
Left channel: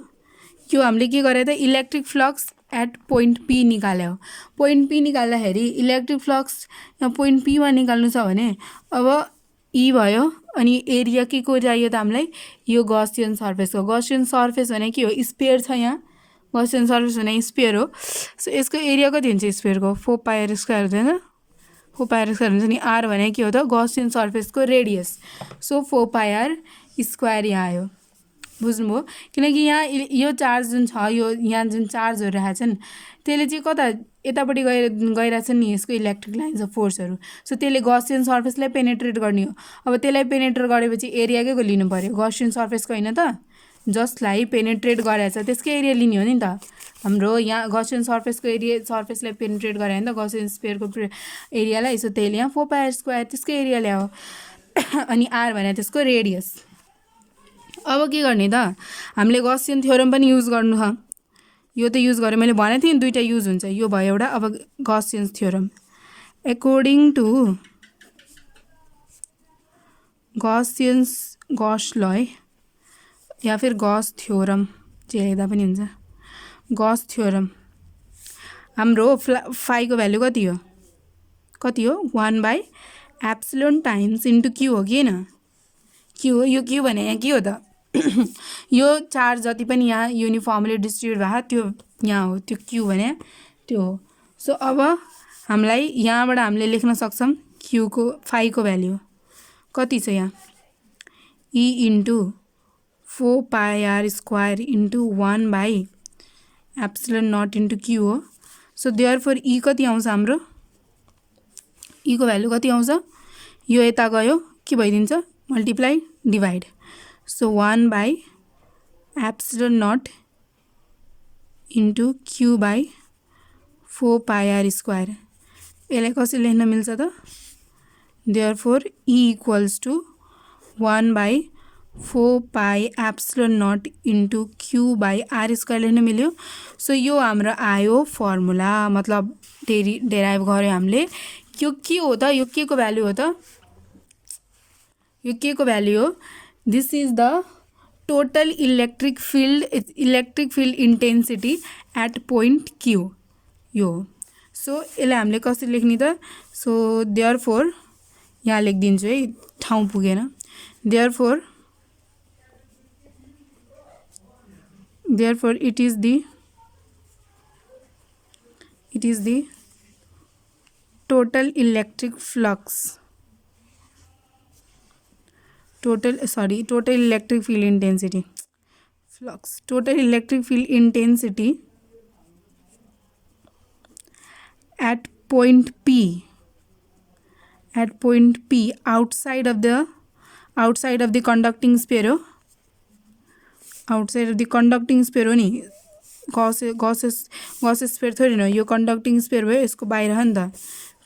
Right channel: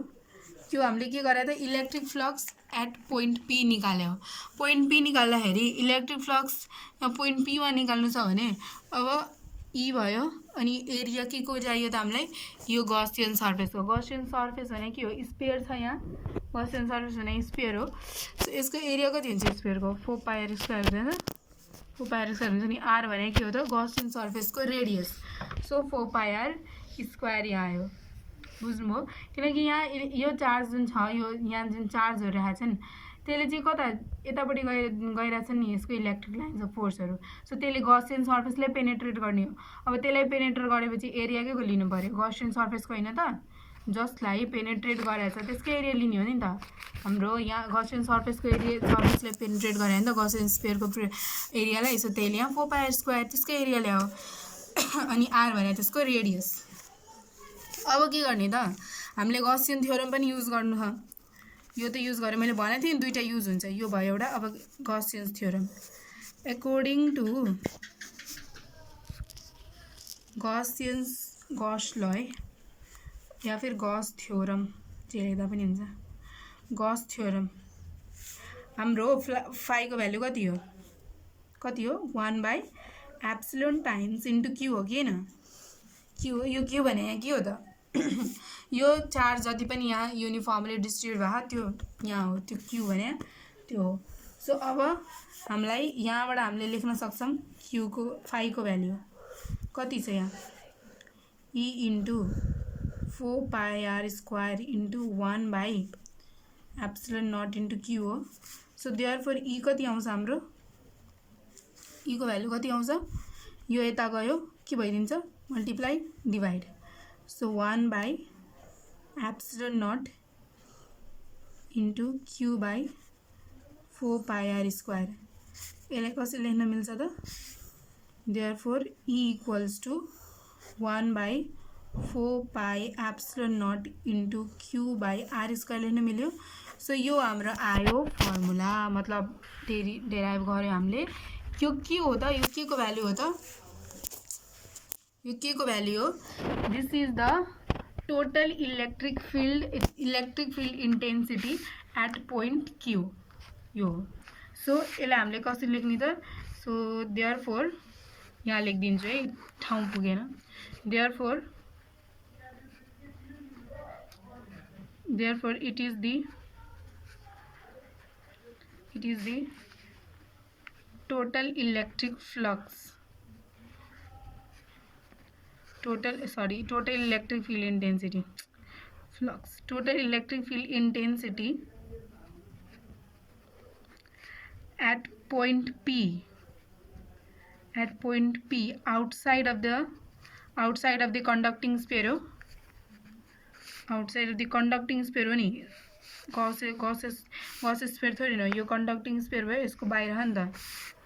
यो हामीले के गरे त electric flux at point P निकाल्यो। पोइन्ट पी निकाल्दाखेरि इलेक्ट्रिक फ्लक्स यहाँ पोइन्ट पीमा निकाल्नु छ भने अब ई भयो अनि एरिया के को चाहियो त हामीलाई यो गसियन सर्फेसको। गसियन सर्फेस भने के हो स्फियर छ यहाँ गसियन सर्फेस भने स्फियर हो। सो यसको एरिया कति हुन्छ स्फियरको 4 पाई आर स्क्वायर हुँदैन 4 पाई आर स्क्वायर हुन्छ नि आर भने के हो त गसियन सर्फेसको radius. So 4 pi R square यहाँ आयो बुझ्नुभयो। किनकि यहाँ यो चार्ज जुन छ यो यहाँ जुन चार्जहरू रहेछ नि त्यसले चाहिँ कता यतापट्टि गइरहेछ नि यसको इलेक्ट्रिक लाइन्स अफ फोर्सहरू। सो त्यसले गसियन सर्फेसलाई पेनेट्रेट गर्ने हो। अब त्यसलाई पेनेट्रेट गरेपछि एरियाकै लिनु पऱ्यो गसियन सर्फेसको होइन त जसलाई पेनेट्रेट गरेछ त्यसकै एरिया लिने हो नि त हाम्रो यहाँ गसियन सर्फेसको एरिया सर्फेसलाई पेनेट्रेट गरे भने त गसियन स्फियरको एरियालाई। सो त्यसले यहाँ 4 पाई आर स्क्वायर त्यसकै एरिया ल्यायो अनि आर भने त्यसको रेडियस। अब के गर्ने त हामीले गसियन थ्योरम पनि युज गर्नु छ। यो त युज गरेँ मैले भनेको थिएँ दुईटा युज हुन्छ यो भयो एउटा। अब Gaussian theorem according to Gauss law या फिर गॉस थ्योरम जे लेख्दा पनि हुन्छ गॉस थ्योरम हाम्रो फाइको भ्यालु कति हो 1 by epsilon times into Q हो कि हैन क्यु हो। यो क्यु भने यहाँ के हो त यो चार्ज जति पनि यहाँ युनिफर्मली डिस्ट्रिब्युट भएको त्यो यहाँ हो त्यो क्यु भने त्यो हो। सो अब हामीलाई यहाँबाट हामीले लेख्न सक्छौँ क्युको फाइको भ्यालु कति छ यहाँ E into 4 pi R square into 1 by epsilon nought into Q हो। सो देयरफोर ई कति आउँछ हाम्रो ई को भ्यालु कति आउँछ यो यता गयो के भइदिन्छ multiply divide. So 1 by epsilon nought into Q by 4 pi R square यसलाई कसरी लेख्न मिल्छ त therefore E equals to 1 by 4 pi epsilon nought into Q by R square लेख्न मिल्यो। सो यो हाम्रो आयो फर्मुला मतलब डेराइभ गऱ्यो हामीले। यो के हो त यो के को भ्यालु हो त यो के को भ्यालु हो this is the total electric field intensity at point Q यो। सो यसलाई हामीले कसरी लेख्ने त सो देयरफोर यहाँ लेखिदिन्छु है ठाउँ पुगेन therefore it is the total electric flux total electric field intensity at point P outside of the conducting sphere outside of the conducting sphere हो नि गॉसेस स्फीयर थोड़ी न यो कंडक्टिंग स्फीयर भयो यसको बाहिर हो नि त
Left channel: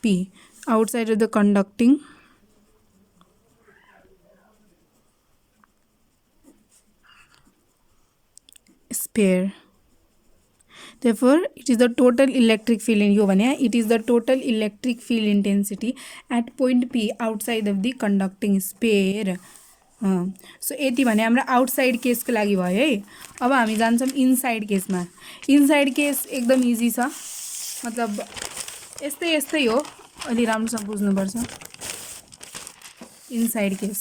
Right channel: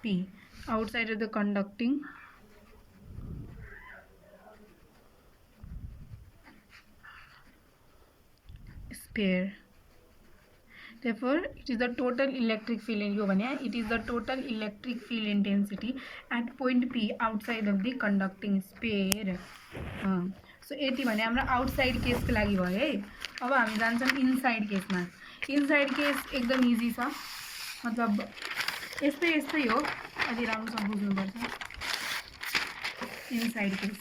P outside of the conducting sphere therefore it is the total electric field in यो भने it is the total electric field intensity at point P outside of the conducting sphere। So यति भने हाम्रो आउटसाइड केसको लागि भयो है। अब हामी जान्छौँ इनसाइड केसमा। इनसाइड केस एकदम इजी छ मतलब यस्तै हो अलि राम्रोसँग बुझ्नुपर्छ इनसाइड केस।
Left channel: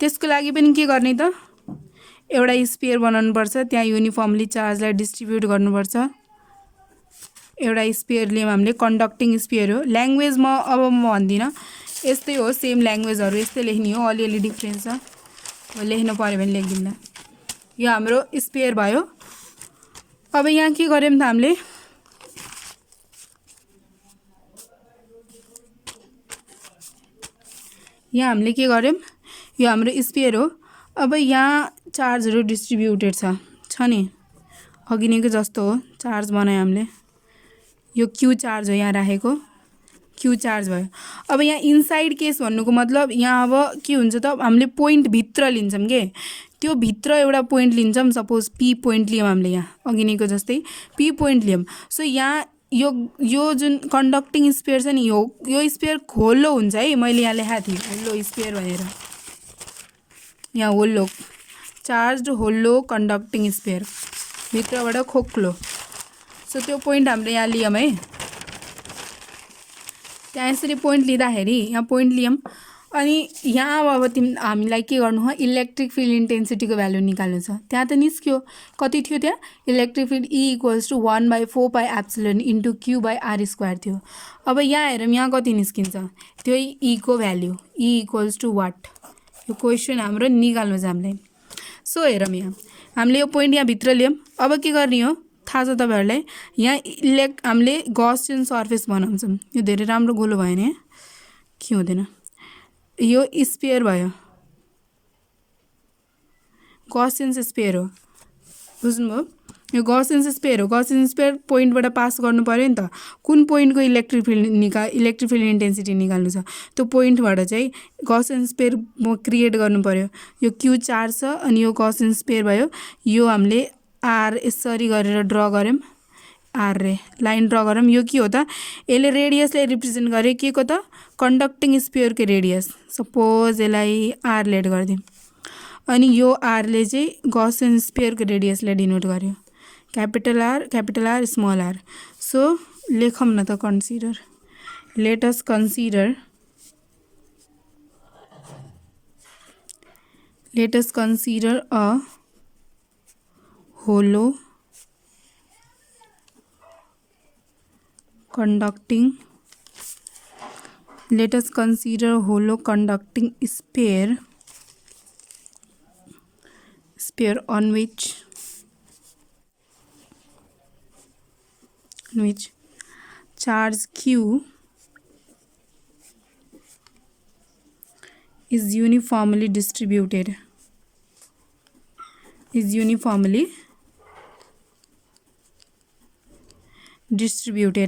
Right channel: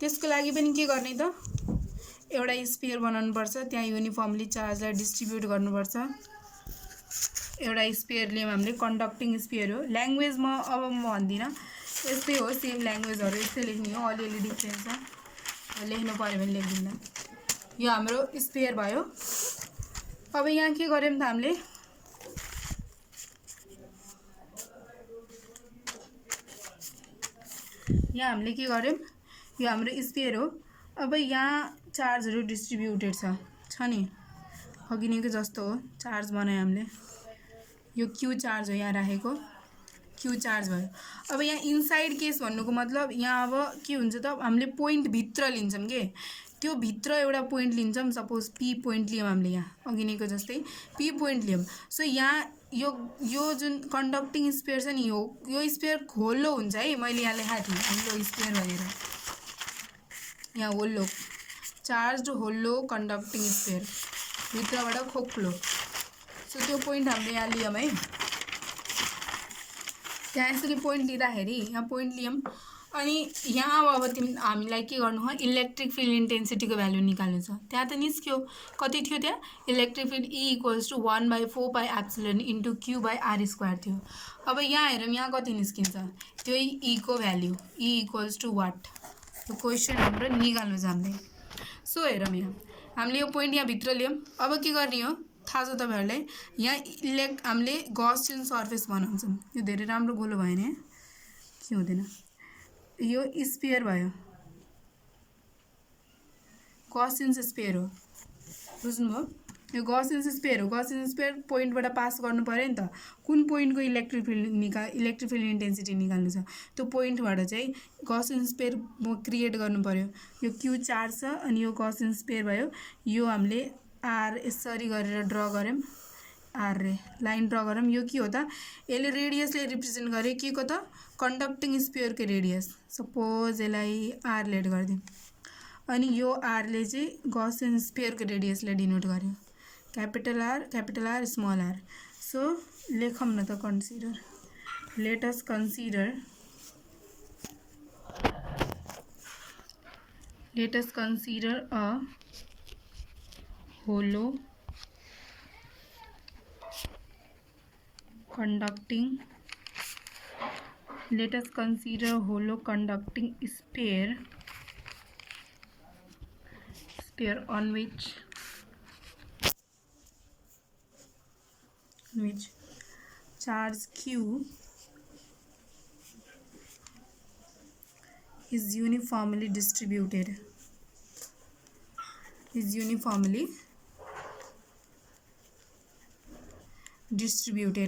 त्यसको लागि पनि के गर्ने त एउटा स्फियर बनाउनुपर्छ त्यहाँ युनिफर्मली चार्जलाई डिस्ट्रिब्युट गर्नुपर्छ एउटा स्पेयर लियौँ हामीले, कन्डक्टिङ स्पेयर हो। ल्याङ्ग्वेजमा अब म भन्दिनँ, यस्तै हो, सेम ल्याङ्ग्वेजहरू यस्तै लेख्ने हो, अलिअलि डिफ्रेन्स छ, लेख्नु पऱ्यो भने लेखिदिँदा। यो हाम्रो स्पेयर भयो। अब यहाँ के गर्यौँ त हामीले, यहाँ हामीले के गर्यौँ, यो हाम्रो स्पेयर हो। अब यहाँ चार्जहरू डिस्ट्रिब्युटेड छ नि, अघि नैको जस्तो हो, चार्ज बनायो हामीले। यो क्यू चार्ज हो यहाँ राखेको, क्यू चार्ज भयो। अब यहाँ इनसाइड केस भन्नुको मतलब यहाँ अब के हुन्छ त, हामीले पोइन्ट भित्र लिन्छौँ के, त्यो भित्र एउटा पोइन्ट लिन्छौँ। सपोज पी पोइन्ट लियौँ हामीले, यहाँ अघि नैको जस्तै पी पोइन्ट लियौँ। सो यहाँ यो जुन कन्डक्टिङ स्पेयर छ नि, यो स्पेयर होलो हुन्छ है। मैले यहाँ लेखाएको थिएँ होलो स्पेयर भनेर, यहाँ होलो चार्ज होलो कन्डक्टिङ स्पेयर, भित्रबाट खोक्लो। सो त्यो पोइन्ट हामीले यहाँ लियौँ है। त्यहाँ यसरी पोइन्ट लिँदाखेरि यहाँ पोइन्ट लियौँ, अनि यहाँ अब हामीलाई के गर्नु हो, इलेक्ट्रिक फिल्ड इन्टेन्सिटीको भ्यालु निकाल्नु छ। त्यहाँ त निस्क्यो, कति थियो त्यहाँ, electric field E = 1/4πε into Q/r² थियो। अब यहाँ हेरौँ, यहाँ कति निस्किन्छ, त्यही E को भ्याल्यु, E = वाट। यो क्वेसन हाम्रो निकाल्नु जान्दैन। सो हेरौँ, यहाँ हामीले यो पोइन्ट यहाँ भित्र ल्यायौँ। अब के गर्ने हो थाहा छ तपाईँहरूलाई, यहाँ हामीले गॉसियन सर्फेस बनाउँछौँ। यो धेरै राम्रो गोलो भएन, के हुँदैन, यो स्पेयर भयो, गॉसियन स्पेयर हो, बुझ्नुभयो। यो गॉसियन स्पेयर हो। गॉसियन स्पेयर पोइन्टबाट पास गर्नु पऱ्यो नि त, कुन पोइन्टको इलेक्ट्रिक फिल्ड इन्टेन्सिटी निकाल्नु छ, त्यो पोइन्टबाट चाहिँ गॉसियन स्पेयर क्रिएट गर्नु पऱ्यो। यो क्यू चार्ज छ, अनि यो गॉसियन स्पेयर भयो। यो हामीले आर यसरी गरेर ड्र गऱ्यौँ, आर रे लाइन ड्र गरौँ। यो के हो त, यसले रेडियसलाई रिप्रेजेन्ट गर्यो के को त, कन्डक्टिङ स्पेयरको रेडियस। सपोज यसलाई आर लेट गरिदिउँ, अनि यो आरले चाहिँ गॉसियन स्पेयरको रेडियसलाई डिनोट गर्यो, capital R small R. So लेखौँ न त, consider, let us consider a hollow conducting let us consider hollow conducting sphere on which charge Q is uniformly distributed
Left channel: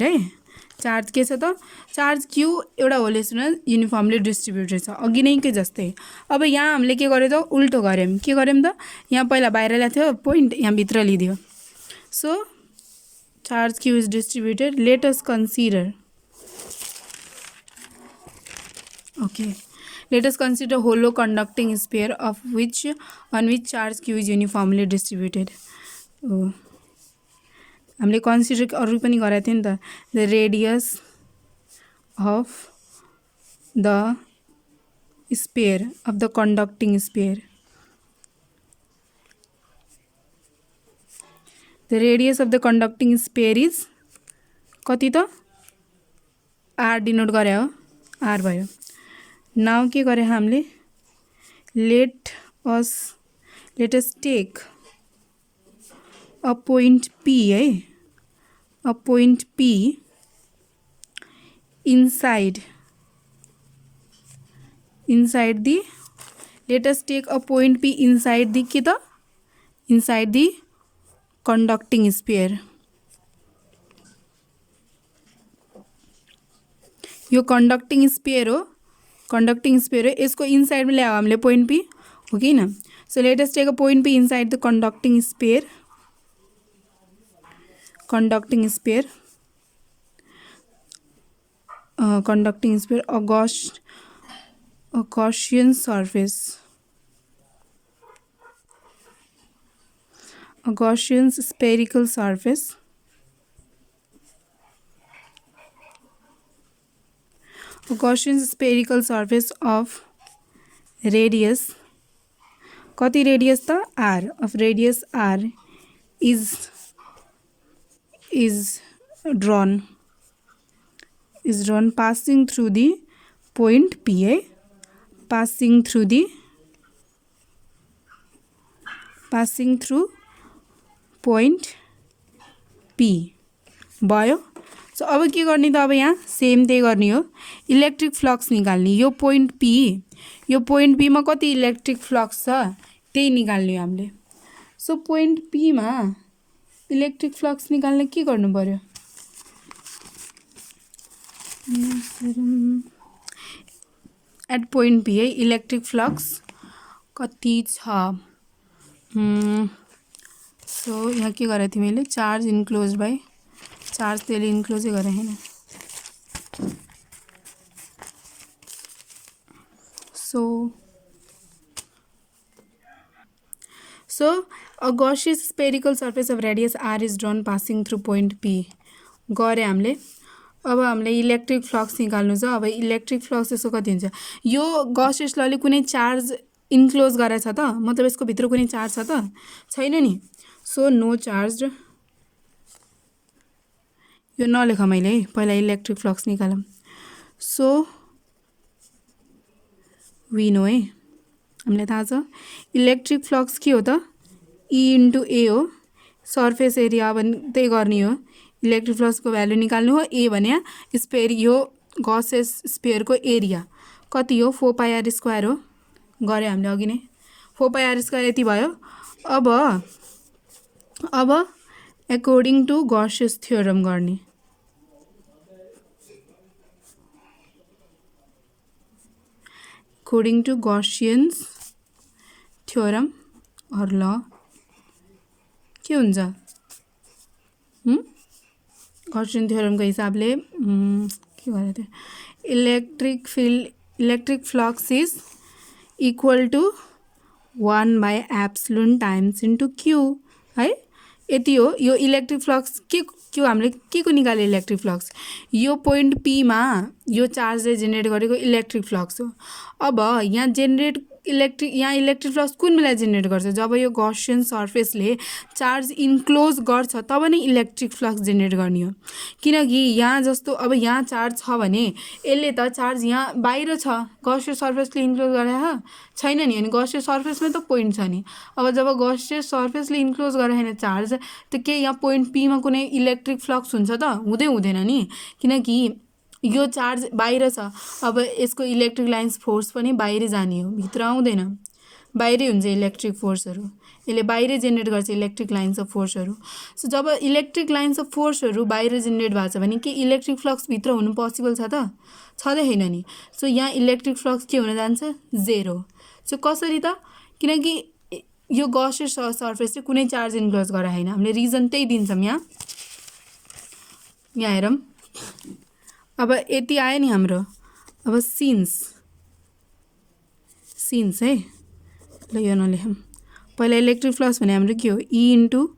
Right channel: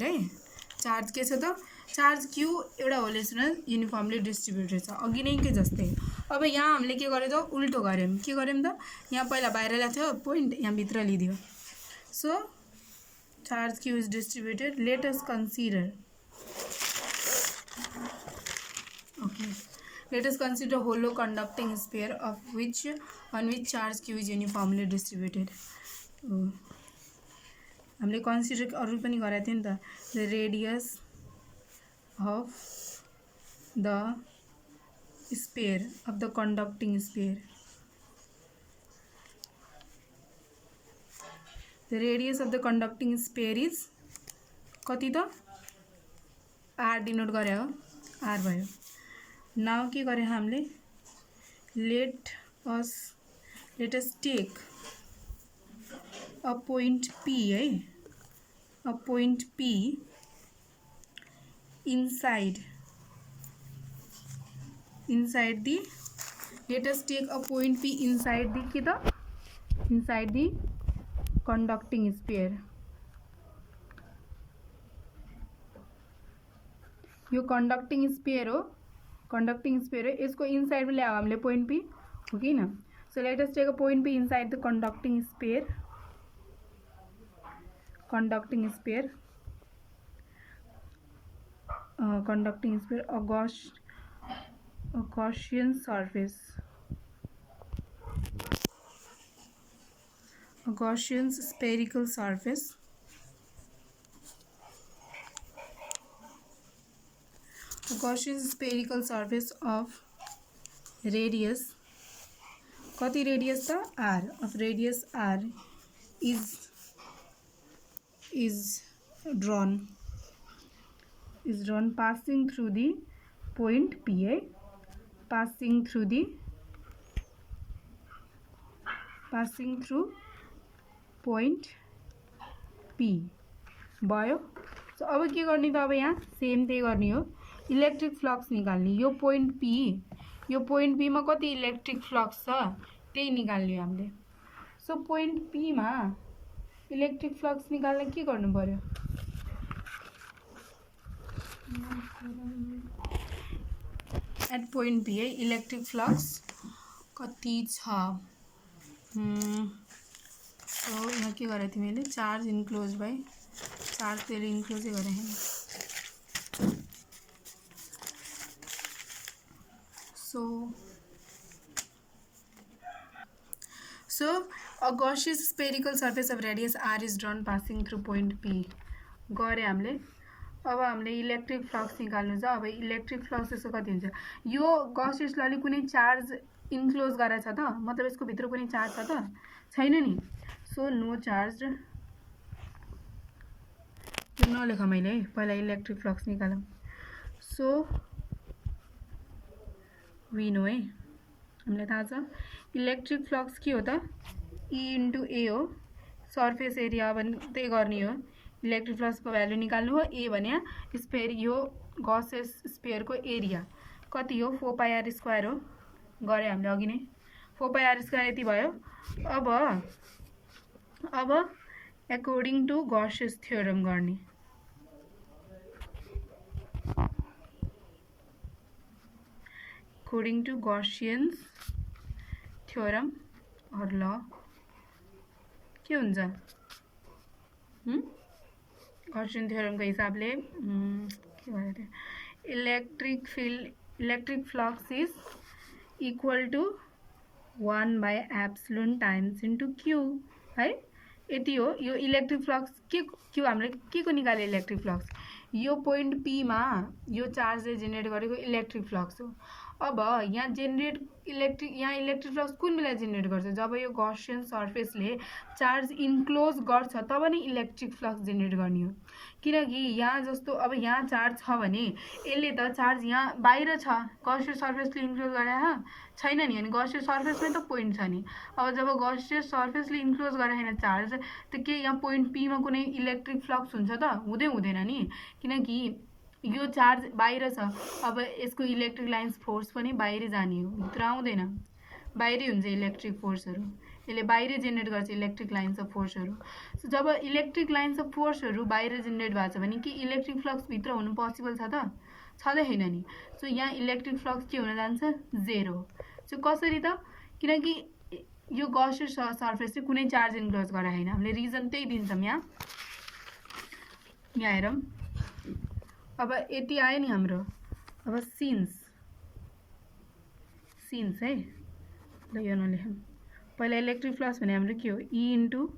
है। चार्ज के छ त, चार्ज क्यू एउटा होलेसमा युनिफर्मली डिस्ट्रिब्युटेड छ, अघि नै के जस्तै। अब यहाँ हामीले के गर्यो त, उल्टो गऱ्यौँ। के गऱ्यौँ त, यहाँ पहिला बाहिर ल्याएको थियो पोइन्ट, यहाँ भित्र लिदियो। So charge Q is distributed. Let us consider hollow conducting sphere on which charge Q is uniformly distributed. हामीले कन्सिडर अरू पनि गराएको थियो नि त, the radius of the sphere of the conducting sphere, the radius of the conducting sphere is कति त, are denote गरे हो, आर भयो। नाउ के गरे हामीले, let us take a point P है, a point P inside the, let us take a point P inside the के त, inside the conducting sphere। यो कंडक्टिङ स्पेयर हो, यसको इनसाइडमा ल्यायो हामीले पोइन्ट P, हो कि न। So let us take a point P inside the conducting sphere, a Gaussian spherical surface of radius, कति रेडियस त, r, of radius r is drawn passing through the point P है, passing through point P भयो। So अब के गर्ने त, अब यहाँ सेम त्यही गर्ने हो, इलेक्ट्रिक फ्लक्स निकाल्ने। यो पोइन्ट पी मा कति इलेक्ट्रिक फ्लक्स छ त्यही निकाल्ने हो हामीले। सो पोइन्ट पी मा इलेक्ट्रिक फ्लक्स निकाल्न के गर्नु पर्यो, एट पोइन्ट पी है इलेक्ट्रिक फ्लक्स कति छ। सो यहाँ के गरेको थिएँ मैले, चार्ज इन्क्लोज बाई चार्ज, त्यसले इन्क्लोजै गरेँ हैन। So a Gaussian spherical surface of radius r is drawn passing through point P गरे हामीले। अब हामीले इलेक्ट्रिक फ्लक्स निकाल्नु छ। अब इलेक्ट्रिक फ्लक्स यसो कति हुन्छ, यो गॉसियस लले कुनै चार्ज इन्क्लोज गरेछ त, मतलब यसको भित्र कुनै चार्ज छ त छैन नि। सो नो चार्ज, यो नलेख मैले है, पहिला इलेक्ट्रिक फ्लक्स निकालौँ। सो वी नो है, हामीलाई थाहा छ इलेक्ट्रिक फ्लक्स के हो त, ई इन्टु ए हो, सर्फेस एरिया भने त्यही गर्ने हो, इलेक्ट्रिक फ्लक्सको भ्यालु निकाल्नु हो। ए भने स्पेयर, यो गॉसियस स्पेयरको एरिया कति हो, 4 पाई आर स्क्वायर हो, गरे हामीले अघि नै 4 पाई आर स्क्वायर यति भयो। अब अकॉर्डिङ टु गॉसियस थ्योरम गर्ने। अकॉर्डिङ टु गॉसियन्स थ्योरम और ल के हुन्छ, गॉसियन थ्योरमको हिसाबले के गरेको थियो, electric flux is equal to 1/एप्सिलोन टाइम्स इन्टु क्यू है, यति हो। यो इलेक्ट्रिक फ्लक्स के हामीले के को निकाल्यो, इलेक्ट्रिक फ्लक्स यो पोइन्ट पी मा यो चार्जले जेनेरेट गरेको इलेक्ट्रिक फ्लक्स हो। अब यहाँ इलेक्ट्रिक फ्लक्स कुन बेला जेनेरेट गर्छ, जब यो गॉसियन सर्फेसले चार्ज इन्क्लोज गर्छ तब नै इलेक्ट्रिक फ्लक्स जेनेरेट गर्ने हो। किनकि यहाँ जस्तो अब यहाँ चार्ज छ भने यसले त चार्ज यहाँ बाहिर छ, गॉसियन सर्फेसले इन्क्लोज गरेको छैन नि, अनि गॉसियन सर्फेसमै त पोइन्ट छ नि। अब जब गॉसियन सर्फेसले इन्क्लोज गरेको छैन चार्ज, त के यहाँ पोइन्ट पी मा कुनै इलेक्ट्रिक फ्लक्स हुन्छ त, हुँदैन नि, किनकि यो चार्ज बाहिर छ। अब यसको इलेक्ट्रिक लाइन्स फोर्स पनि बाहिर जाने हो, भित्र आउँदैन, बाहिरै हुन्छ इलेक्ट्रिक फोर्सहरू, यसले बाहिरै जेनेरेट गर्छ इलेक्ट्रिक लाइन्स अफ फोर्सहरू। सो जब इलेक्ट्रिक लाइन्स अफ फोर्सहरू बाहिर जेनेरेट भएको छ भने के इलेक्ट्रिक फ्लक्स भित्र हुनु पोसिबल छ त, छँदै छैन नि। सो यहाँ इलेक्ट्रिक फ्लक्स के हुन जान्छ, 0। सो कसरी त, किनकि यो गॉसियन सर्फेसले कुनै चार्ज इन्क्लोज गरेको छैन, हामीले रिजन त्यही दिन्छौँ। यहाँ हेरौँ, अब यति आयो नि हाम्रो। अब सिन्स है, ल यो नलेखौँ, पहिला इलेक्ट्रिक फ्लक्स भने हाम्रो के हो, E into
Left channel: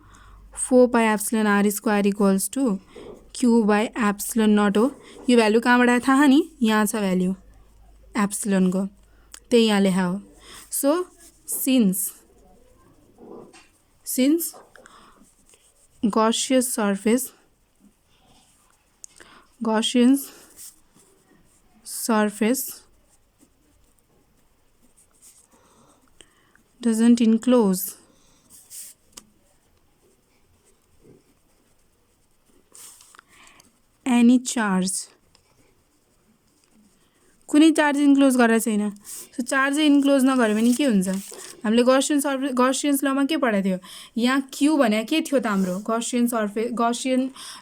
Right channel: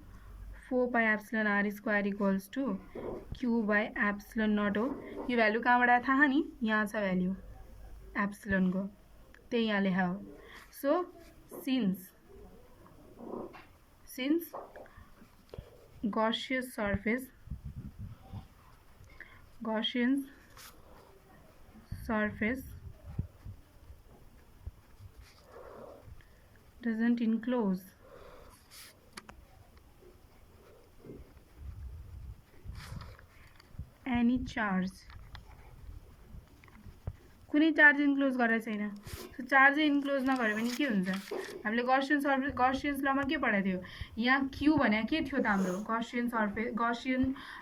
4 pi epsilon R square equals to Q by epsilon nought हो। यो भ्यालु कहाँबाट आयो थाहा नि, यहाँ छ भ्यालु एप्सिलोनको, त्यही यहाँ लेखा हो। So since Gaussian surface doesn't enclose any charge, कुनै चार्ज इन्क्लोज गरेको छैन। सो चार्जै इन्क्लोज नगर्यो भने के हुन्छ, हामीले गॉसियन्स लमा के पढाएको थियो, यहाँ क्यू भने के थियो त हाम्रो गॉसियन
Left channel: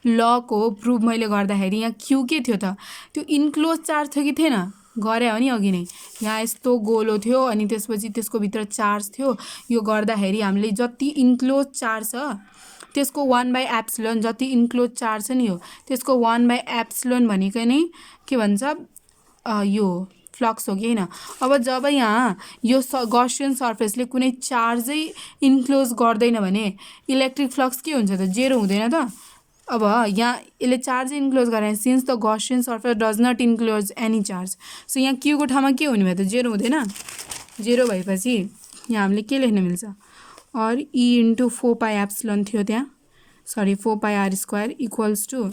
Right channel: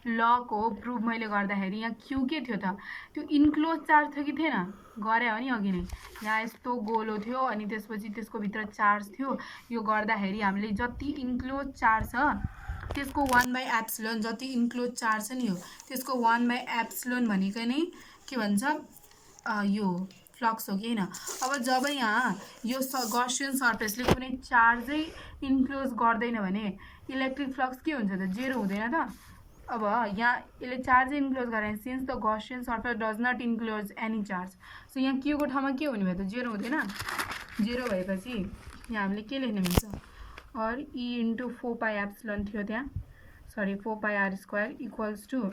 लको प्रुफ मैले गर्दाखेरि यहाँ क्यू के थियो त, त्यो इन्क्लोज चार्ज थियो कि थिएन, गरे हो नि अघि नै। यहाँ यस्तो गोलो थियो अनि त्यसपछि त्यसको भित्र चार्ज थियो, यो गर्दाखेरि हामीले जति इन्क्लोज चार्ज छ त्यसको 1/एप्सिलोन, जति इन्क्लोज चार्ज छ नि हो त्यसको 1/एप्सिलोन भनेको नै के भन्छ, यो फ्लक्स हो कि हैन। अब जब यहाँ यो गॉसियन सर्फेसले कुनै चार्जै इन्क्लोज गर्दैन भने इलेक्ट्रिक फ्लक्स के हुन्छ त, 0 हुँदैन त। अब यहाँ यसले चार्ज इन्क्लोज गरे, since the Gaussian surface does not enclose any charge, so यहाँ क्यूको ठाउँमा के हुने भयो त, 0 हुँदैन। 0 भएपछि यहाँ हामीले के लेख्न मिल्छ, और ई इन्टु 4 पाई एप्सिलोन थियो त्यहाँ, सरी 4πr² इक्वल्स टू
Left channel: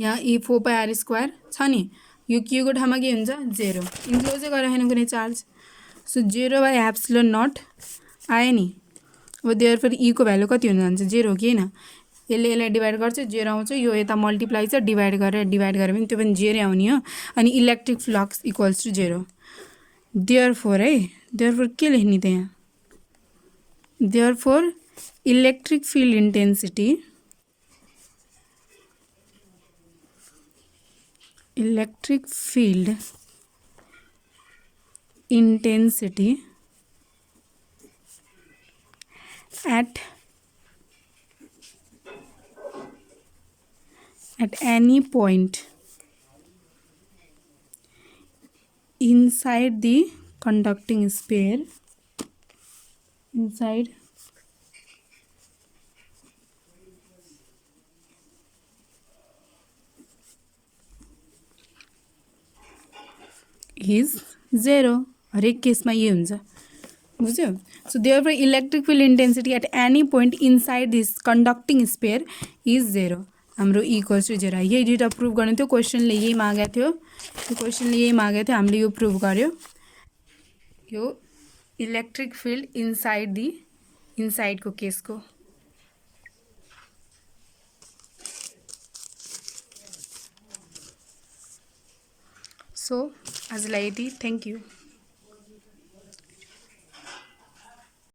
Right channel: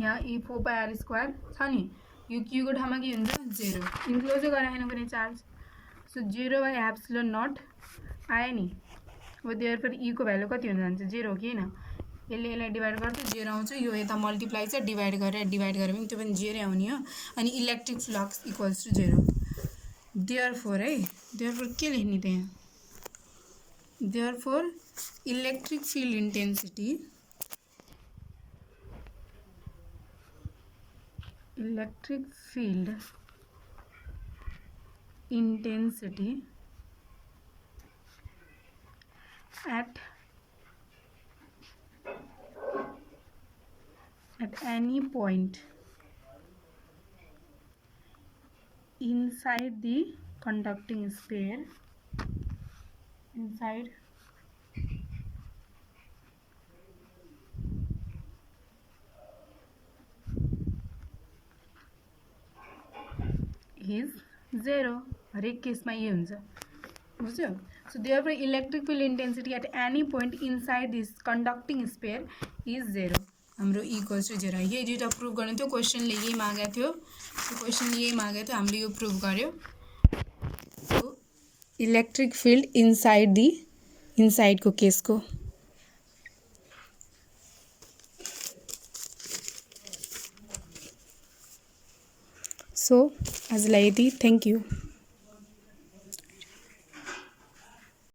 यहाँ 4πr² छ नि यो के को ठाउँमा के हुन्छ 0 इन्क्लोजै गराएन कुनै चार्ज सो 0/ε0 आयो नि अब देयरफोर को भ्यालु कति हुन जान्छ 0 हो कि हैन यसले यसलाई डिभाइड गर्छ 0 आउँछ यो यता मल्टिप्लाई छ डिभाइड गरेर पनि त्यो पनि 0 आउने हो अनि electric flux equals to 0 therefore के लेख्ने त यहाँ therefore electric field intensity at any point inside the conducting sphere is 0 हरेक केसमा ये हुन्छ बुझ्यो so therefore electric field intensity at any point inside this conducting sphere is 0 हाम्रो इक्वल्स टु 0 यही दुईटा प्रुभ गर्ने थियो क्वेसनले यही मागेको थियो हामीले यो प्रुभ गर्यो सो इलेक्ट्रिक फिल्ड इनसाइडको केसको सो आजलाई यति थ्याङ्क यू